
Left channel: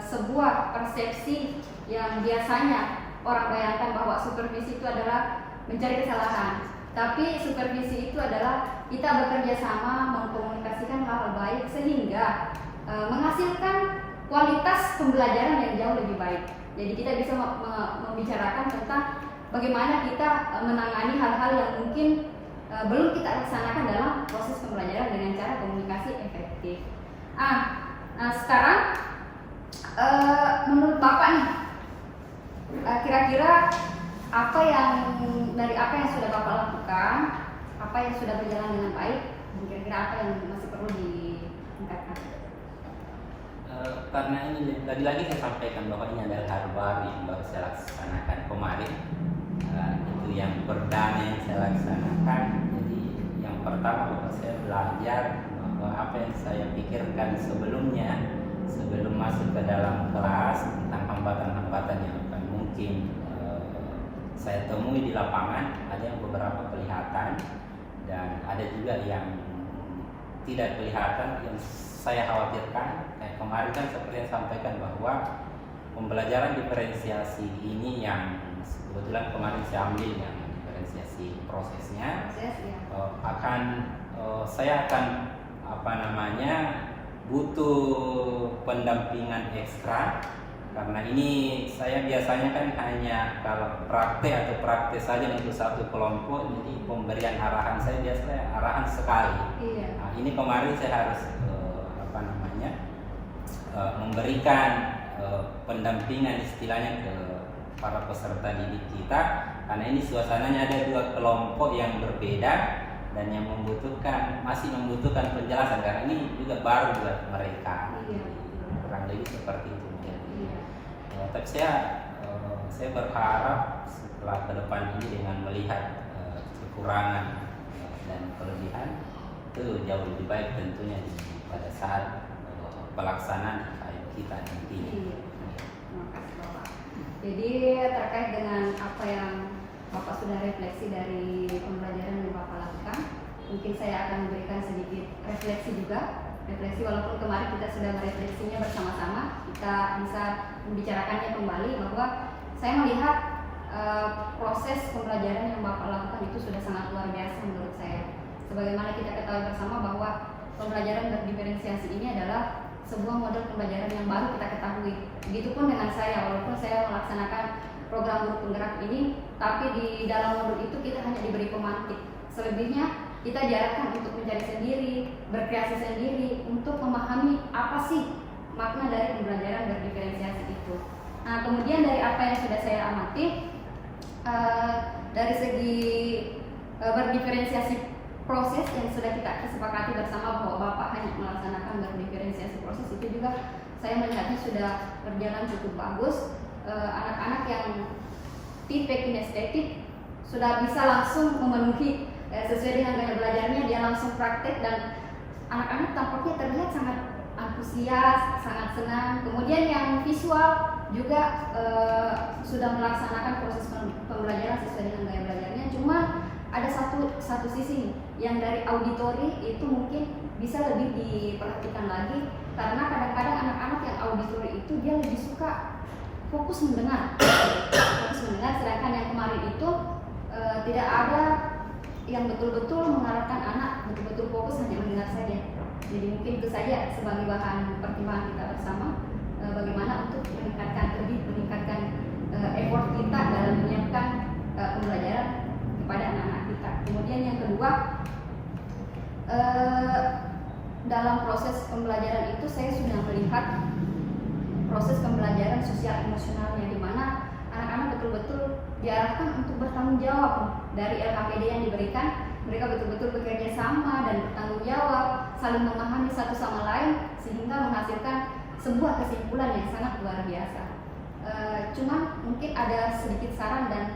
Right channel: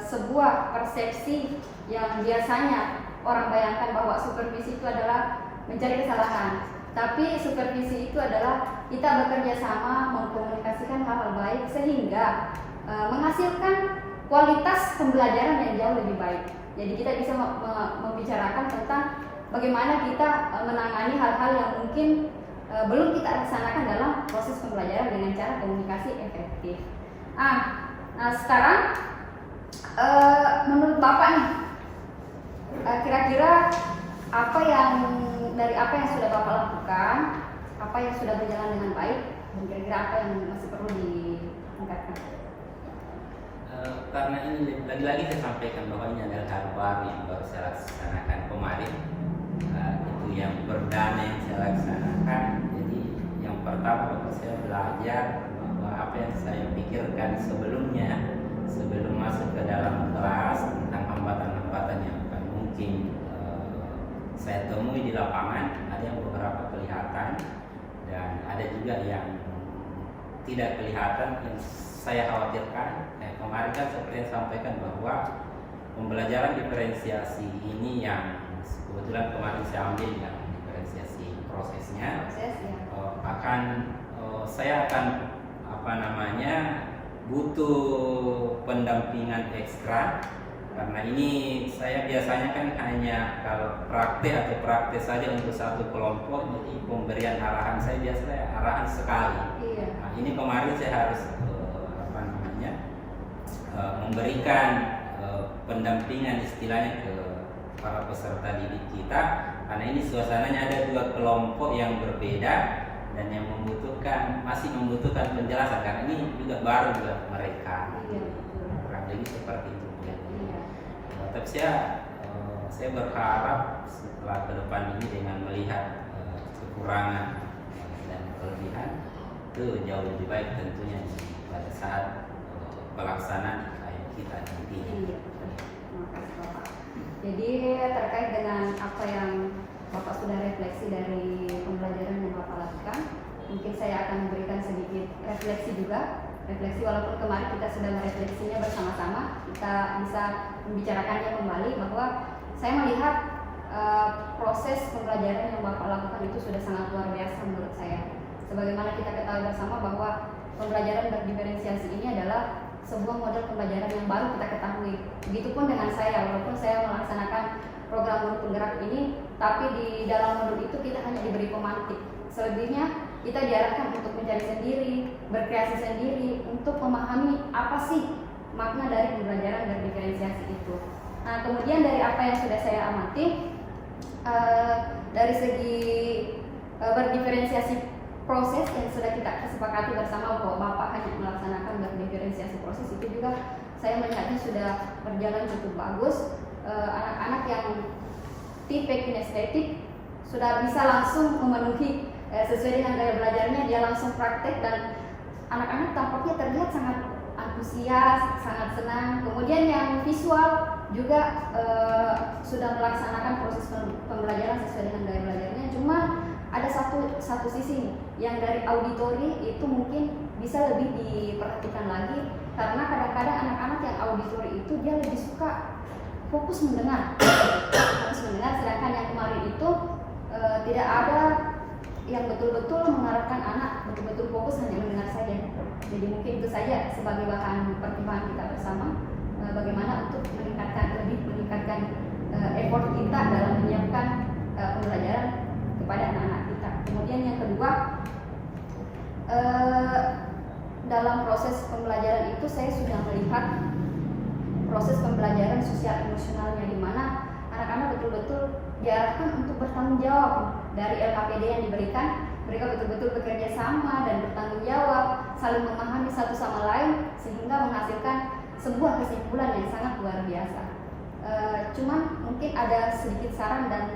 sebuah persepsi yang biasanya orang bayangkan bahwa supervisi itu adalah mencari kesalahan. Tapi supervisi itu adalah kita bekerja sama mengkomunikasikan hal-hal baik sehingga menghasilkan kualitas pembelajaran yang jauh lebih baik. Jadi kita bisa membicarakan tentang bagaimana kita menangani hal-hal yang mungkin belum kita laksanakan dalam proses pembelajaran dengan cara komunikasi efektif. Sekarang menurut Bapak nih, kira-kira dari apa yang sudah Bapak lakukan, apa yang sudah berjalan dengan baik, dan kira-kira apa yang masih perlu ditingkatkan? Karena ini lagi-lagi saya sampaikan bahwa ini adalah hal baru yang baru saya laksanakan kemarin. Itu yang perdana yang saya laksanakan. Jadi yang pertama saya belajar bahwa apa yang saya pikirkan sebelumnya, sebelum masuk ke dalam kelas tentang hambatan-hambatan yang akan mungkin saya temui di lapangan, ada yang beberapa kelihatan dan ada juga yang tidak kelihatan yang saya khawatirkan. Kemarin kan seperti yang sampaikan bahwa pembelajaran diferensiasi ini yang kebetulan kemarin saya ambil yang diferensiasi prosesnya, saya akan butuh pendampingan ekstra. Karena ini saya biasanya kan hanya kalau praktek saja untuk satu kelompok, jadi pemberian arahan saya biasanya arahan sekali. Iya. Nah, ini kemarin saya harus memberikan pendampingan istilahnya ke para peserta didik kita, karena ini suasananya ada dua kelompok yang berbeda dan yang masih membutuhkan penjelasan karena ini juga baru buat mereka. Iya. Kurang lebih seperti itu. Iya. Tapi saya berharap setelah ke depan ini dengan melihat kekurangan dan kelebihan itu jauh lebih baik tentunya pada saat pelaksanaan kita nantinya. Iya, terima kasih Bapak. Jadi terkait dengan apa yang Bapak sudah refleksi dari pembelajaran yang Bapak lakukan, mungkin saya akan memberikan sedikit refleksi juga. Refleksi walaupun kemarin kita sudah merefleksinya bersama-sama, kita bisa membicarakannya kembali bahwa saya melihat proses pembelajaran yang Bapak lakukan itu sudah sangat luar biasa menurut saya. Sebagaimana kita ketahui bersama bahwa pembelajaran berdiferensiasi ini adalah sebuah model pembelajaran yang baru kita ketahui. Begitupun dengan saya, walaupun saya melaksanakan program guru penggerak ini, tapi di dalam modul itu kita hanya diberi pemantik. Selebihnya kita diarahkan untuk mencari sendiri, berkreasi sendiri, untuk memahami apa sih makna dari pembelajaran berdiferensiasi itu. Nah, kemudian dari apa yang sudah saya amati, dari segi berdiferensiasi proses yang sudah kita kesepakati bersama bahwa Bapak hanya melaksanakan berdiferensiasi proses, itu juga saya melihatnya sudah berjalan cukup bagus. Anak-anak yang tipe kinestetik sudah bisa langsung memenuhi sesuai dengan gaya belajarnya, dia langsung praktek dan anak-anak tampaknya terlihat sangat antusias, sangat senang. Kemudian yang visual juga sudah melaksanakan proses pembelajaran sesuai dengan gaya belajarnya. Cuma ada satu sisi yang dari auditori itu mungkin bisa lebih diperhatikan lagi, karena kadang-kadang anak-anak yang auditori itu dia lebih suka fokus mendengar, sedangkan yang kemarin itu tidak ada yang betul-betul mengarahkan anak betul-betul fokus hanya mendengar saja. Jadi mungkin itu saja sebagai bahan pertimbangan kita bersama, bagaimana untuk meningkatkan effort kita dalam menyiapkan pembelajaran kepada anak-anak kita. Kemudian yang kedua, dalam proses pembelajaran itu saya sudah melihat proses pembelajaran sosial emosionalnya, di mana anak-anak betul-betul diarahkan untuk bertanggung jawab dari LKPD yang diberikan. Mereka betul-betul bekerja sama dan bertanggung jawab, saling memahami satu sama lain, sehingga menghasilkan sebuah kesimpulan yang sangat luar biasa. Cuman mungkin ada sedikit saran, dan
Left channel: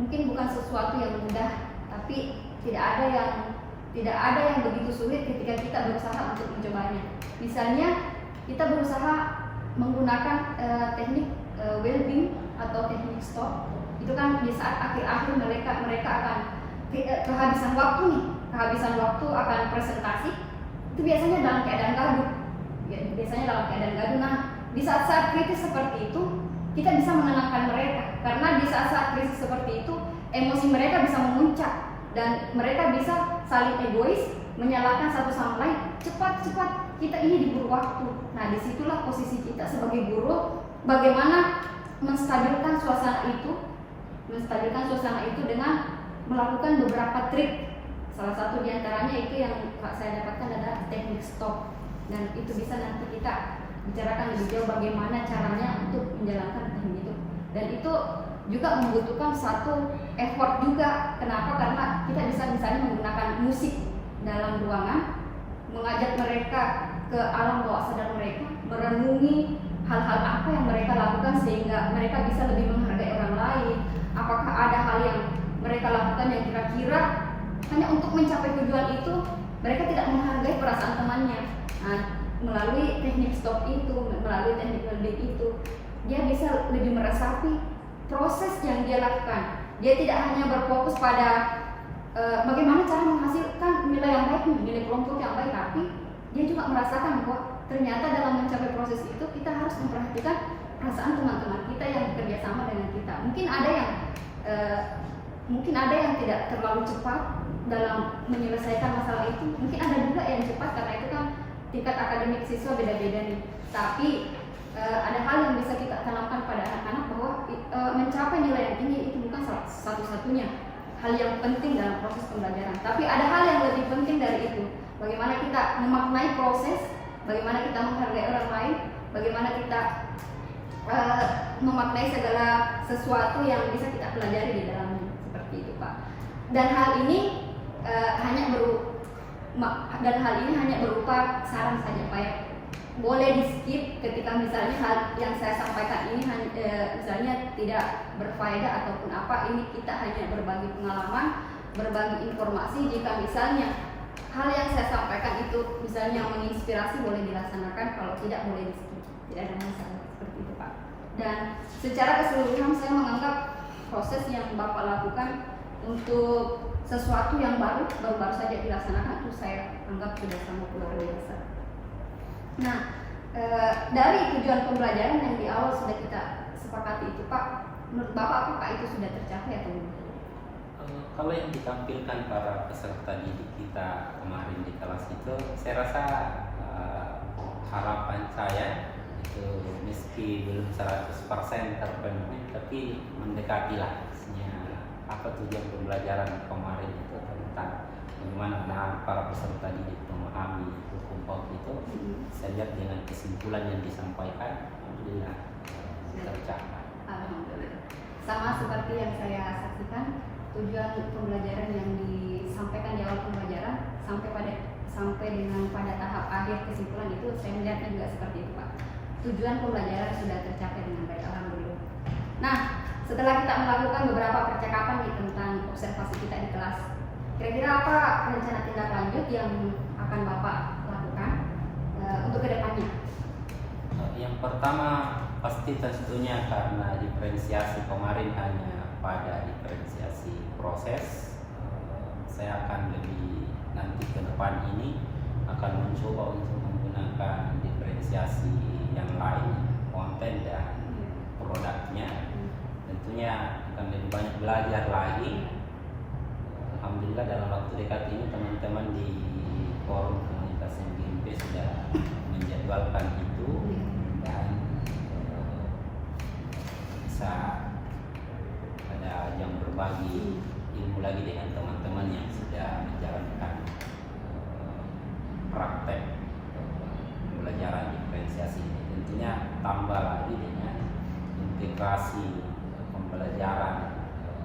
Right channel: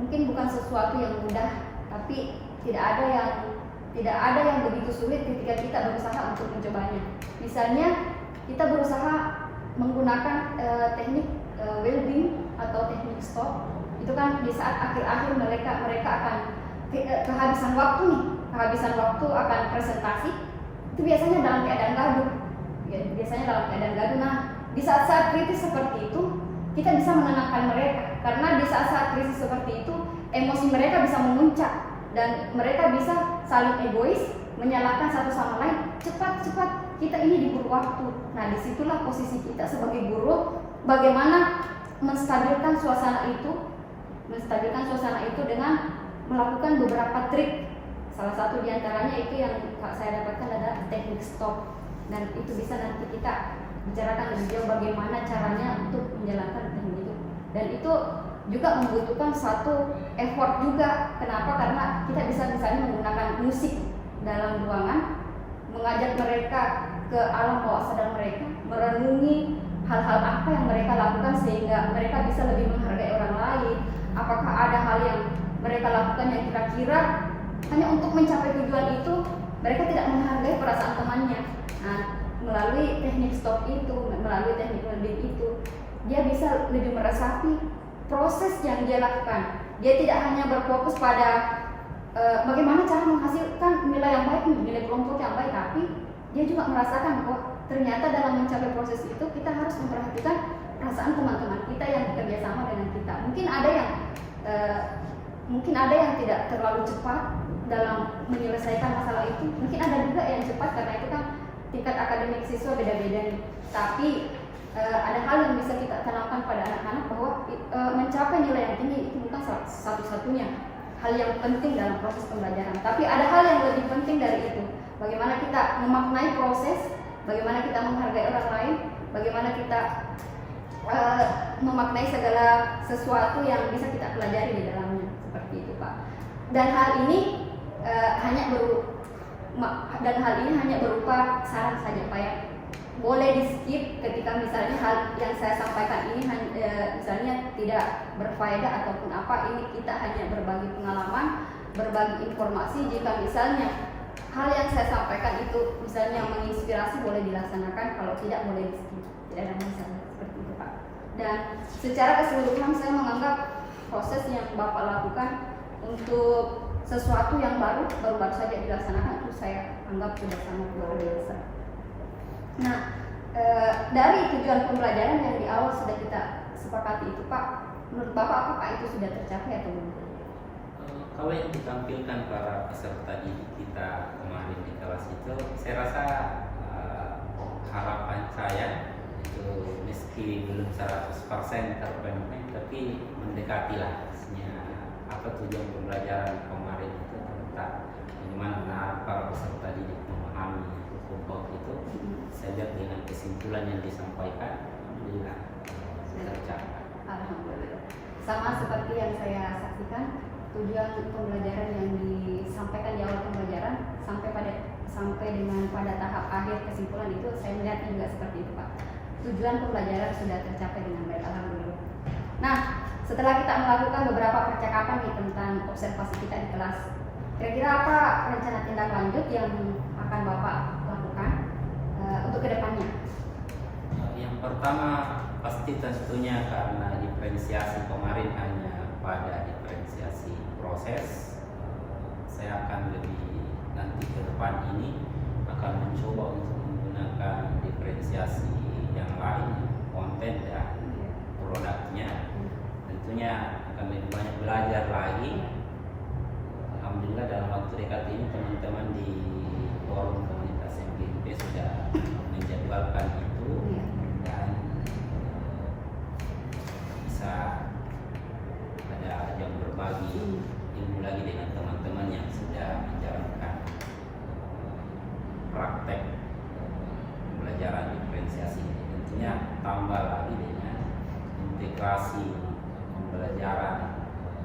mungkin bukan sesuatu yang mudah, tapi tidak ada yang begitu sulit ketika kita berusaha untuk mencobanya. Misalnya kita berusaha menggunakan teknik well-being atau teknik stop. Itu kan di saat akhir-akhir mereka akan kehabisan waktu akan presentasi, itu biasanya dalam keadaan gaduh. Nah, di saat-saat kritis seperti itu kita bisa menenangkan mereka, karena di saat-saat kritis seperti itu emosi mereka bisa memuncak dan mereka bisa saling egois, menyalahkan satu sama lain. Cepat, kita ini diburu waktu. Nah, disitulah posisi kita sebagai guru, bagaimana menstabilkan suasana itu dengan melakukan beberapa trik. Salah satu diantaranya itu yang saya dapatkan adalah teknik stop, dan itu bisa nanti kita bicarakan lebih jauh bagaimana caranya untuk menjalankan teknik itu. Dan itu juga membutuhkan satu effort juga. Kenapa? Karena kita bisa misalnya menggunakan musik dalam ruangan, mengajak mereka ke alam bawah sadar mereka, merenungi hal-hal apa yang mereka lakukan sehingga mereka bisa lebih menghargai orang lain. Apakah ada hal yang mereka lakukan yang kira-kira hanya untuk mencapai tujuan itu, mereka tidak menghargai perasaan temannya. Nah, melalui teknik stop itu, melalui teknik well-being itu, dia bisa lebih meresapi proses yang dia lakukan. Dia tidak hanya berfokus pada bagaimana cara menghasilkan nilai yang baik, nilai kelompok yang baik, tapi dia juga merasakan bahwa ternyata dalam mencapai proses itu kita harus memperhatikan perasaan teman-teman kita yang bekerja sama dengan kita. Mungkin ada yang tidak terlalu cepat dalam menyelesaikan masalah itu. Mungkin ada juga yang cepat, karena itu kan tingkat akademik siswa beda-beda nih. Tapi ada hal yang bisa kita tanamkan pada anak-anak bahwa mencapai nilai yang tinggi itu bukan satu-satunya hal yang penting dalam proses pembelajaran. Tapi ada hal yang lebih penting dari itu. Bagaimana kita memaknai proses, bagaimana kita menghargai orang lain, bagaimana kita memaknai segala sesuatu yang bisa kita pelajari di dalamnya, seperti itu, Pak. Dan hal ini hanya berupa saran saja, Pak, ya. Boleh di skip ketika misalnya hal yang saya sampaikan ini misalnya tidak berfaedah ataupun apa. Ini kita hanya berbagi pengalaman, berbagi informasi. Jika misalnya hal yang saya sampaikan itu misalnya menginspirasi, boleh dilaksanakan. Kalau tidak, boleh di skip, tidak ada masalah, seperti itu, Pak. Dan secara keseluruhan saya menganggap proses yang Bapak lakukan untuk sesuatu yang baru saja dilaksanakan, itu saya anggap sudah sangat luar biasa. Nah, dari tujuan pembelajaran yang di awal sudah kita sepakati itu, Pak, menurut Bapak apakah itu sudah tercapai atau belum? Kalau yang ditampilkan para peserta didik kita kemarin di kelas itu, saya rasa harapan saya itu meski belum 100% terpenuhi tapi mendekati lah. Apa tujuan pembelajaran kemarin itu tentang bagaimana menahan para peserta didik memahami hukum PAUD itu. Saya lihat dengan kesimpulan yang disampaikan, alhamdulillah tercapai. Alhamdulillah. Sama seperti yang saya saksikan, tujuan pembelajaran yang disampaikan di awal pembelajaran sampai dengan pada tahap akhir kesimpulan itu, saya melihatnya juga seperti itu, Pak. Tujuan pembelajaran sudah tercapai dengan baik, alhamdulillah. Nah, setelah kita melakukan beberapa percakapan nih tentang observasi kita di kelas, kira-kira apa rencana tindak lanjut yang akan Bapak lakukan untuk kedepannya? Yang pertama pasti tentunya karena diferensiasi kemarin hanya pada diferensiasi proses, saya akan lebih nanti ke depan ini akan mencoba untuk menggunakan diferensiasi yang lain, konten dan produknya. Tentunya akan lebih banyak belajar lagi. Alhamdulillah dalam waktu dekat ini teman-teman di forum komunitas MGMP sudah menjadwalkan itu dan bisa ada yang berbagi ilmu lagi dengan teman-teman yang sudah menjalankan praktek pembelajaran diferensiasi. Tentunya tambah lagi dengan integrasi pembelajaran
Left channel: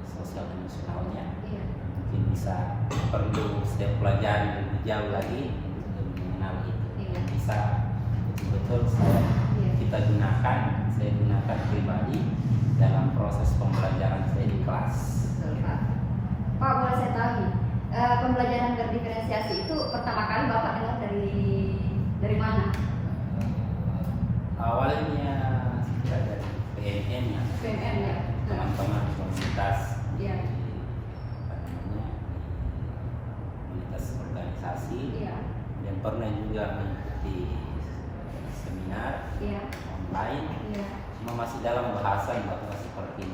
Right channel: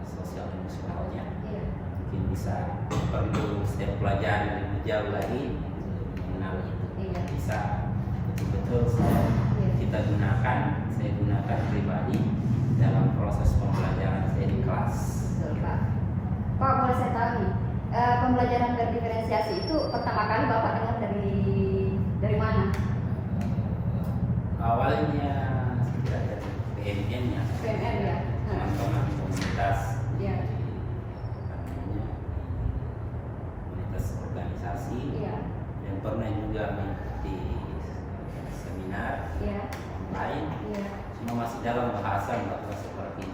sosial emosionalnya, mungkin bisa perlu setiap pelajaran lebih jauh lagi untuk mengenal itu. Bisa betul-betul kita gunakan, saya gunakan pribadi dalam proses pembelajaran saya di kelas. Betul, Pak. Pak, boleh saya tahu nih, pembelajaran berdiferensiasi itu pertama kali Bapak dengar dari mana? Awalnya sudah dari PNN-nya. PNN ya. Teman-teman komunitas Iya. komunitas organisasi dan pernah juga mengikuti seminar online, cuma masih dalam bahasan bahwa seperti ini.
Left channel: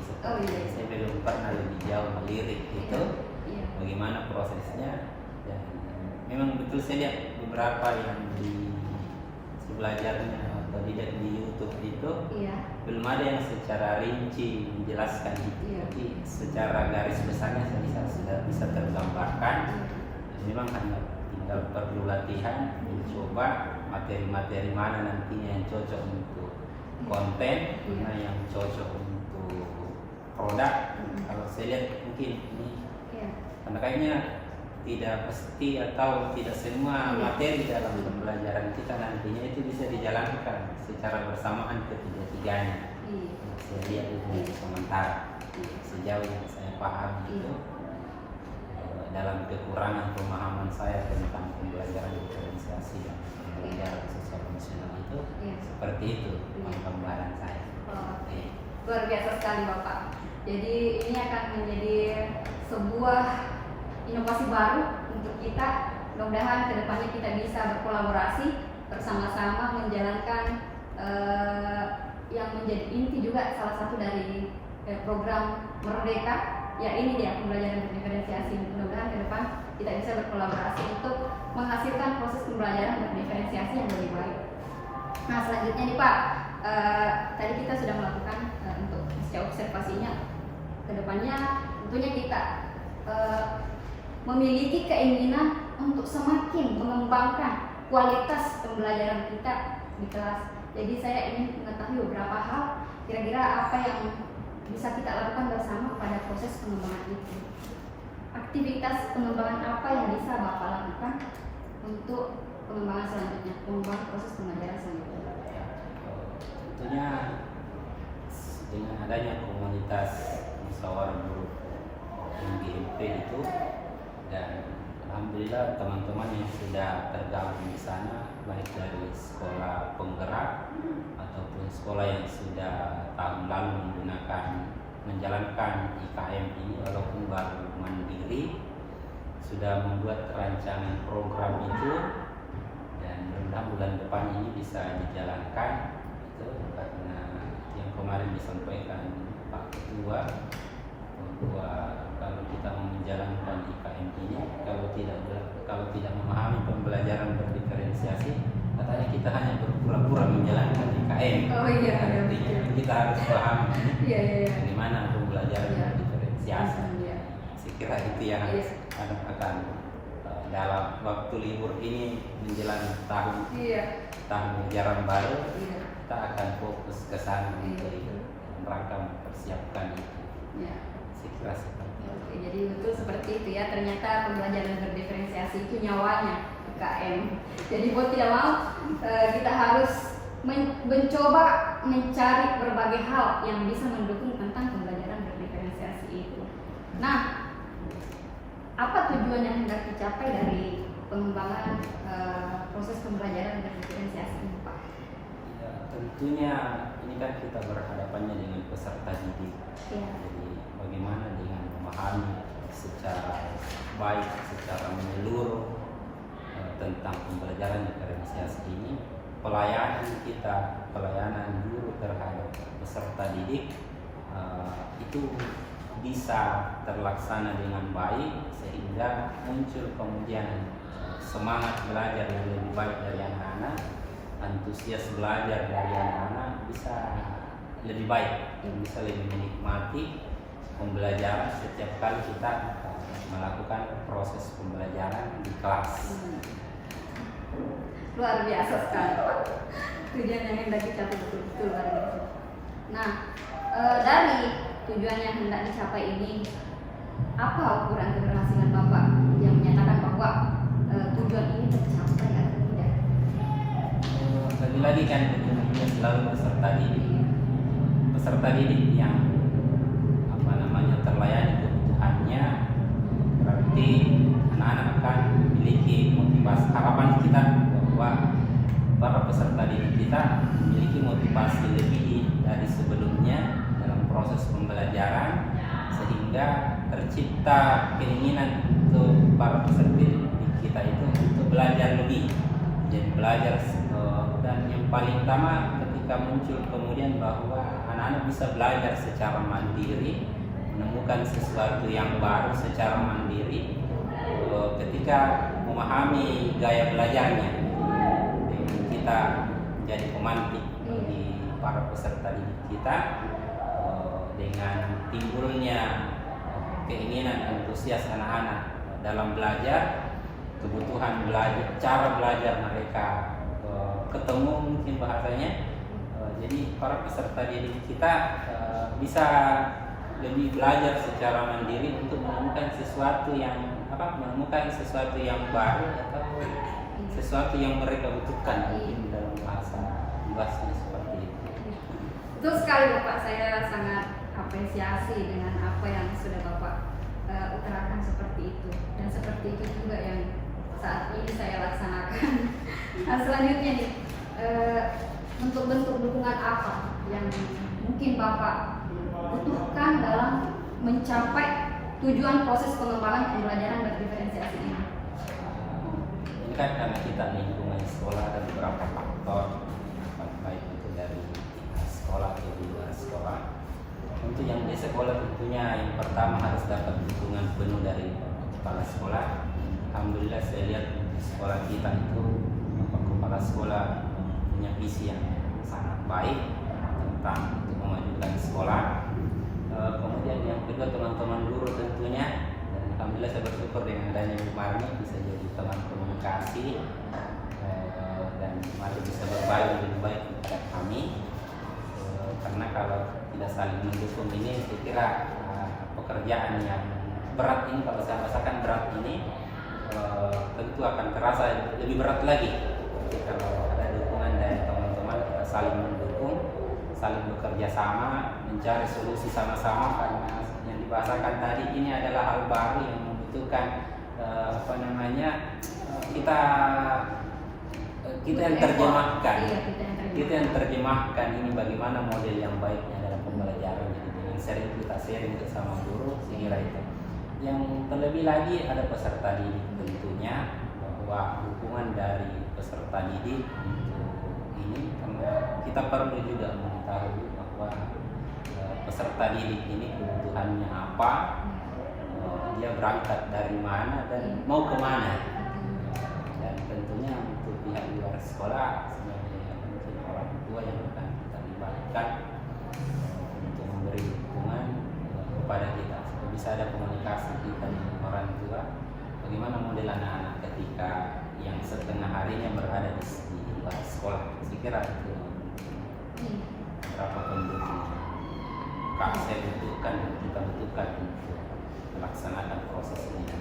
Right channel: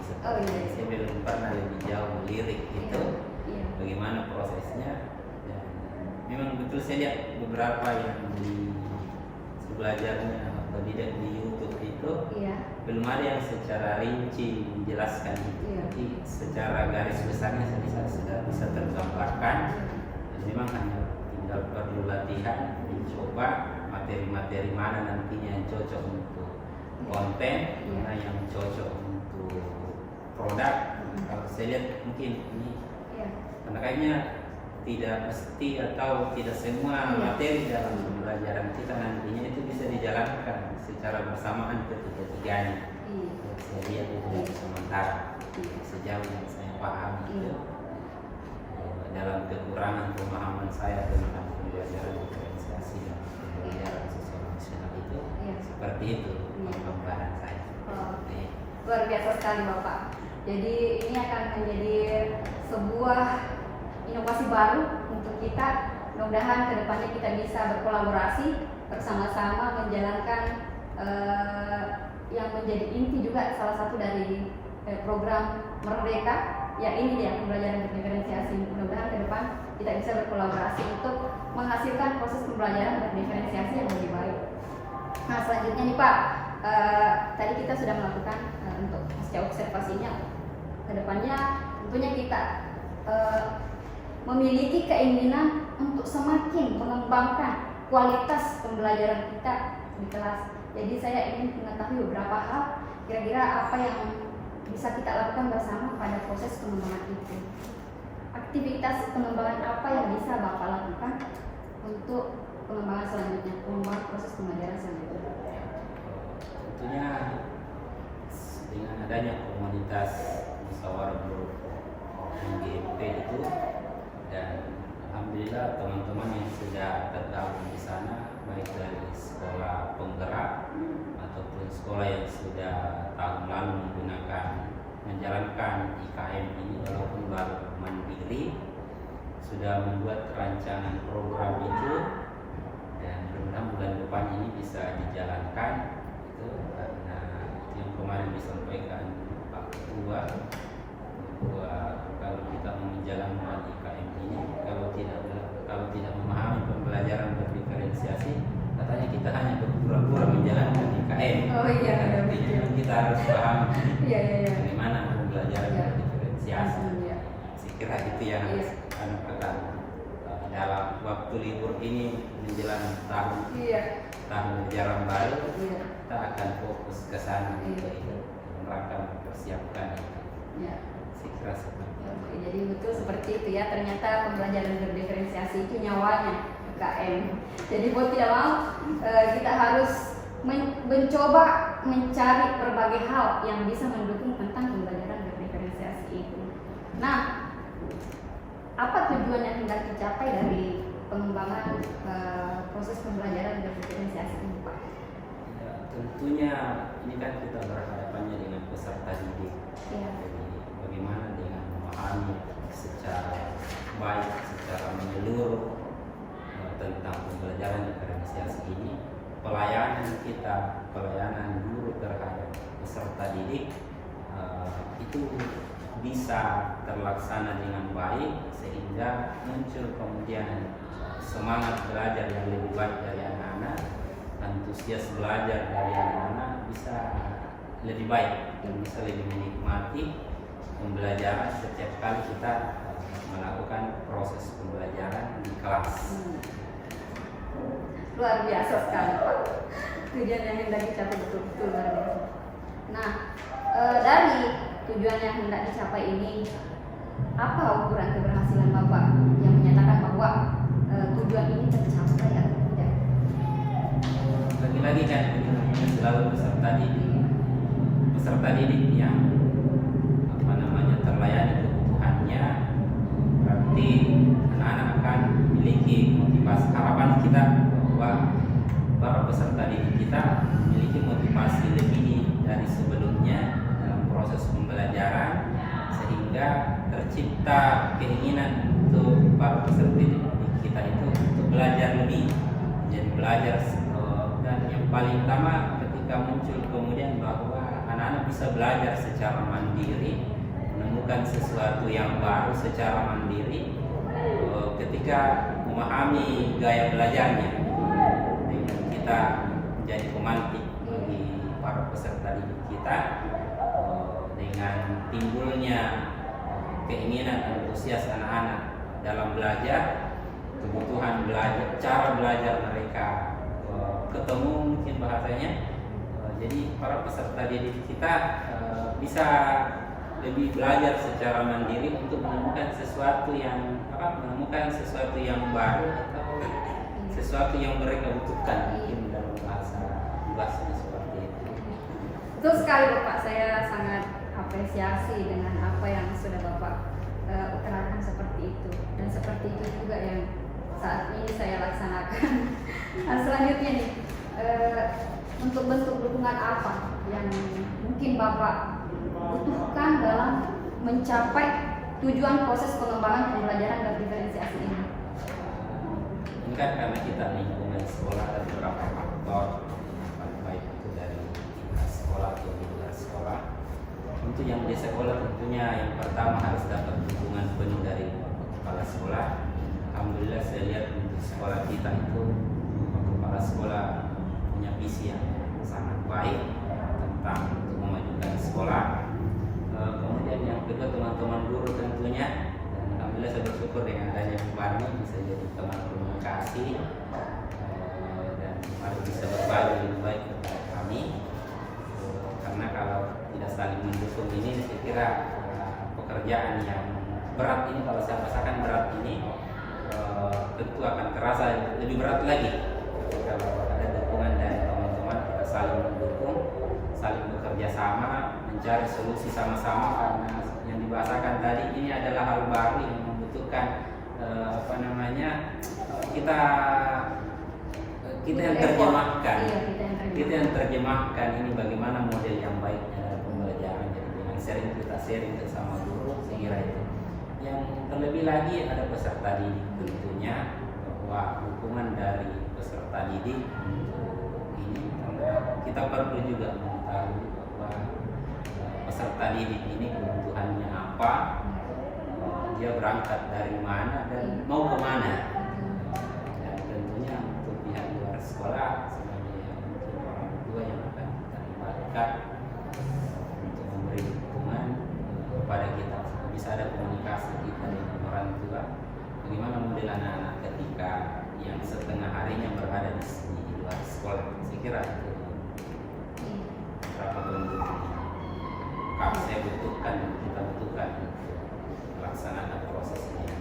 Saya belum pernah lebih jauh melirik itu bagaimana prosesnya, dan memang betul saya lihat beberapa yang di belajarnya atau di YouTube itu belum ada yang secara rinci menjelaskan itu. Jadi secara garis besarnya sudah bisa tergambarkan. Memang hanya tinggal perlu latihan, mencoba materi-materi mana nantinya yang cocok untuk konten, mana yang cocok untuk produk. Kalau saya lihat mungkin ini karena kayaknya tidak pasti atau tidak semua materi dalam pembelajaran kita nantinya itu bisa dijalankan secara bersamaan ketiga-tiganya. Saya lihat itu sementara sejauh yang saya paham itu dalam kekurangan pemahaman saya tentang pembelajaran diferensiasi dan pembelajaran sosial emosional itu seperti itu pemahaman saya. Luar biasa sekali Bapak. Jadi ini akan menjadi sebuah inovasi baru untuk kita. Mudah-mudahan kedepannya kita bisa berkolaborasi bersama-sama menjalankan yang menjadi inti juga salah satu dari program Merdeka, ya ini dia pembelajaran berdiferensiasi. Mudah-mudahan ke depan kita bisa berkolaborasi untuk menghasilkan proses pembelajaran berdiferensiasi yang lebih baik. Nah selanjutnya nih Pak, tadi kita sudah melakukan untuk setiap observasinya. Kedepannya tentunya kita memiliki keinginan untuk semakin mengembangkan kualitas pembelajaran kita di kelas. Jadi saya ingin mengetahui beberapa hal, kira-kira apa yang bisa kita lakukan bersama pada proses pengembangan itu. Aktivitas pengembangan apa yang bisa Bapak lakukan untuk pengembangan selanjutnya, pengembangan proses pembelajaran selanjutnya? Tentunya dengan adanya komunitas musyawarah guru MGMP itu, dan alhamdulillah teman-teman yang sudah tergabung di sana baik dari sekolah penggerak ataupun sekolah yang sudah tahun lalu menjalankan IKM ini walaupun baru mandiri, sudah membuat rancangan program itu, dan mudah-mudahan bulan depan ini bisa dijalankan itu, karena yang kemarin disampaikan Pak Ketua bahwa kalau kita mau menjalankan IKM ini, kalau tidak memahami pembelajaran berdiferensiasi katanya kita hanya berpura-pura menjalankan IKN. Oh iya, Artinya kita harus paham Iya. bagaimana pembelajaran Iya. diferensiasi. Iya. Saya kira itu yang Iya. akan dalam waktu libur ini menjelang tahun ajaran baru, Iya. kita akan fokus ke sana Iya. untuk itu, dalam rangka mempersiapkan itu. Iya. Saya kira seperti itu. Oke, jadi betul seperti itu ya. Ternyata pembelajaran berdiferensiasi itu nyawanya UKM. Jadi mau tidak mau kita harus mencoba mencari berbagai hal yang bisa mendukung tentang pembelajaran berdiferensiasi itu. Nah, apa tujuan yang hendak dicapai dari pengembangan proses pembelajaran berdiferensiasi ini, Pak? Ya, tentunya ini kan kita berhadapannya dengan peserta didik. Ya. Jadi bagaimana dengan memahami secara baik, secara menyeluruh tentang pembelajaran diferensiasi ini, pelayanan guru terhadap peserta didik itu bisa terlaksana dengan baik sehingga muncul kemudian semangat belajar yang lebih baik dari anak-anak, antusias belajar dari anak-anak bisa lebih baik dan bisa lebih menikmati pembelajaran setiap kali kita melakukan proses pembelajaran di kelas. Luar biasa sekali, Pak. Tujuan yang hendak dicapai betul-betul luar biasa. Nah, dari tujuan yang hendak dicapai ini, apa ukuran keberhasilan Bapak yang menyatakan bahwa tujuan ini tercapai atau tidak? Lagi-lagi kan ini selalu peserta didik yang terlayani kebutuhannya, berarti anak-anak akan memiliki motivasi. Harapan kita bahwa para peserta didik kita memiliki motivasi lebih dari sebelumnya dalam proses pembelajaran, sehingga tercipta keinginan untuk para peserta didik kita itu untuk belajar lebih, jadi belajar dan yang paling utama ketika muncul kemudian bahwa anak-anak bisa belajar secara mandiri, menemukan sesuatu yang baru secara mandiri ketika memahami gaya belajarnya. Dengan kita menjadi pemantik bagi para peserta didik kita, dengan timbulnya keinginan antusias anak-anak dalam belajar, kebutuhan belajar, cara belajar mereka ketemu mungkin bahasanya. Jadi para peserta didik kita bisa lebih belajar secara mandiri untuk menemukan sesuatu yang baru atau sesuatu yang mereka butuhkan, mungkin dalam bahasa luasnya seperti itu. Betul sekali Bapak, saya sangat apresiasi dengan apa yang sudah Bapak utarakan seperti itu, dan seperti itu juga yang saat ini saya laksanakan. Nah, selanjutnya nih, untuk bentuk dukungan apa yang mungkin Bapak butuhkan dalam mencapai tujuan proses pengembangan pembelajaran berdiferensiasi ini? Ini kan karena kita lingkungan sekolah ada beberapa faktor, baik itu dari sekolah atau di luar sekolah. Untuk yang di sekolah tentunya yang pertama harus dapat dukungan penuh dari kepala sekolah. Alhamdulillah saya lihat di sekolah kita itu kepala sekolah punya visi yang sangat baik tentang untuk memajukan sekolah. Kemudian yang kedua teman-teman guru tentunya, dan alhamdulillah saya bersyukur dengan adanya Marni bisa jadi teman komunikasi dan mari bisa berbagi lebih baik kepada kami, karena kalau tidak saling mendukung ini saya kira pekerjaan yang berat ini, kalau saya rasakan berat ini tentu akan terasa lebih berat lagi. Tapi kalau ada dukungan dari teman-teman, kita saling mendukung, saling bekerja sama, mencari solusi sama-sama, karena yang dibahasakan tadi ini adalah hal baru yang membutuhkan kita yang terjemahkan, kita yang terjemahkan ini bagaimana model yang baiknya dalam pembelajaran. Jadi dengan sering kita sharing bersama guru, saya kira itu. Yang terlebih lagi ada peserta didik tentunya, bahwa dukungan dari peserta didik untuk ini, karena kita perlu juga mengetahui bahwa peserta didik ini kebutuhannya apa, dia berangkat dari mana dan mau kemana. Dan tentunya untuk pihak luar sekolah sebagai untuk orang tua yang akan kita libatkan untuk memberi dukungan kepada kita, bisa ada komunikasi kita dengan orang tua bagaimana model anak-anak ketika yang setengah harinya berada di luar sekolah. Saya kira itu berapa pendukung saya butuhkan, kita butuhkan untuk melaksanakan proses ini.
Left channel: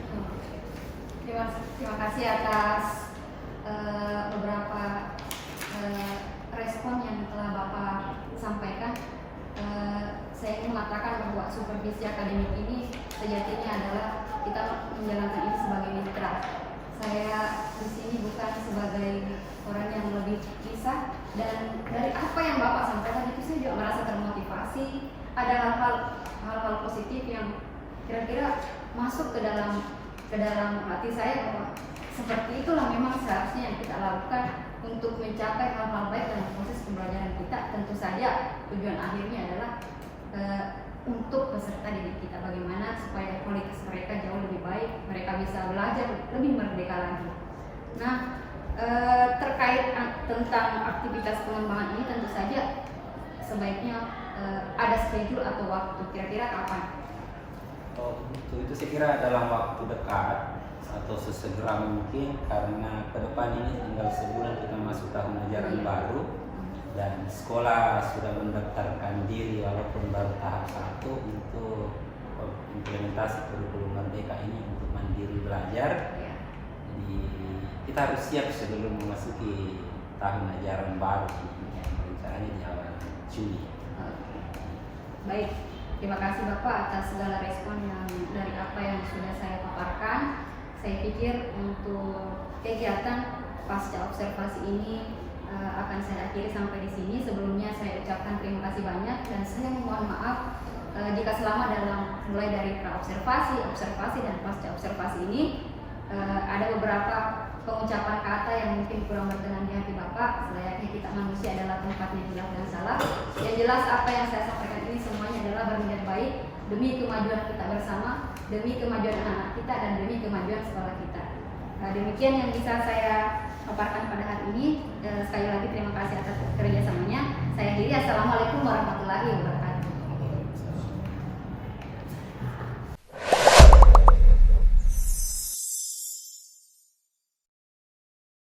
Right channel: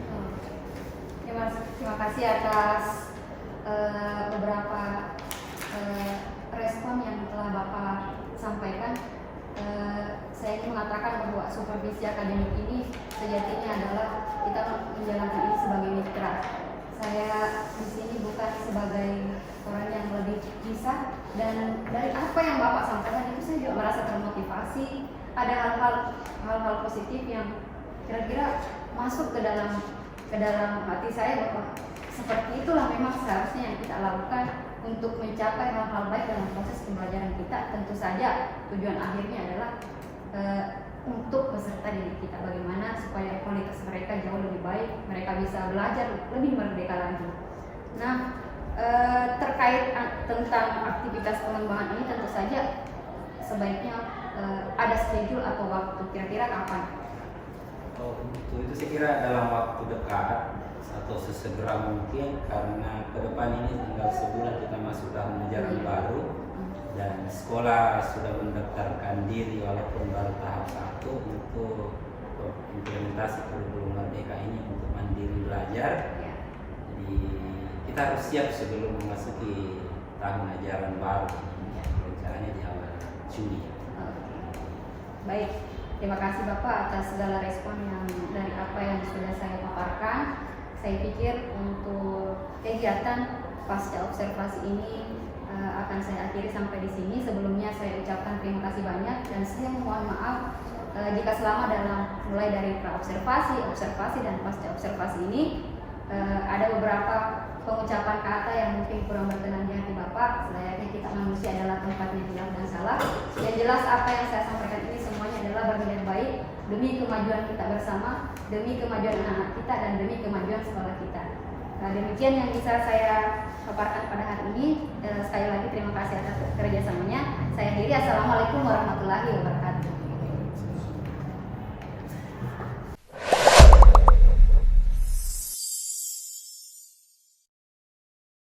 Terima kasih atas beberapa respon yang telah Bapak sampaikan. Saya ingin mengatakan bahwa supervisi akademik ini sejatinya adalah kita menjalankan ini sebagai mitra. Saya di sini bukan sebagai orang yang lebih bisa, dan dari apa yang Bapak sampaikan itu saya juga merasa termotivasi. Ada hal-hal positif yang kira-kira masuk ke dalam hati saya bahwa seperti itulah memang seharusnya yang kita lakukan untuk mencapai hal-hal baik dalam proses pembelajaran kita. Tentu saja tujuan akhirnya adalah untuk peserta didik kita, bagaimana supaya kualitas mereka jauh lebih baik, mereka bisa belajar lebih merdeka lagi. Nah, terkait tentang aktivitas pengembangan ini tentu saja sebaiknya ada schedule atau waktu, kira-kira kapan? Oh itu saya kira dalam waktu dekat atau sesegera mungkin, karena ke depan ini tinggal sebulan kita masuk tahun ajaran baru dan sekolah sudah mendaftarkan diri walaupun baru tahap 1 untuk implementasi kurikulum merdeka ini untuk mandiri belajar. Jadi kita harus siap sebelum memasuki tahun ajaran baru yang rencananya di awal Juli. Baik, terima kasih Bapak atas segala respon yang dari apa yang sudah saya paparkan. Saya pikir untuk kegiatan pasca observasi ini akan saya akhiri sampai di sini. Sebelumnya saya ucapkan terima kasih banyak dan saya mohon maaf jika selama mulai dari pra-observasi, observasi dan pasca observasi ini ada beberapa pengucapan kata yang mungkin kurang berkenan di hati Bapak. Selayaknya kita manusia adalah tempatnya hilaf dan salah. Yang jelas apa yang saya sampaikan ini semuanya adalah berniat baik demi kemajuan kita bersama, demi kemajuan anak-anak kita, dan demi kemajuan sekolah kita. Nah, demikian yang bisa saya paparkan pada hari ini. Sekali lagi terima kasih atas kerjasamanya. Saya akhiri. Assalamualaikum warahmatullahi wabarakatuh.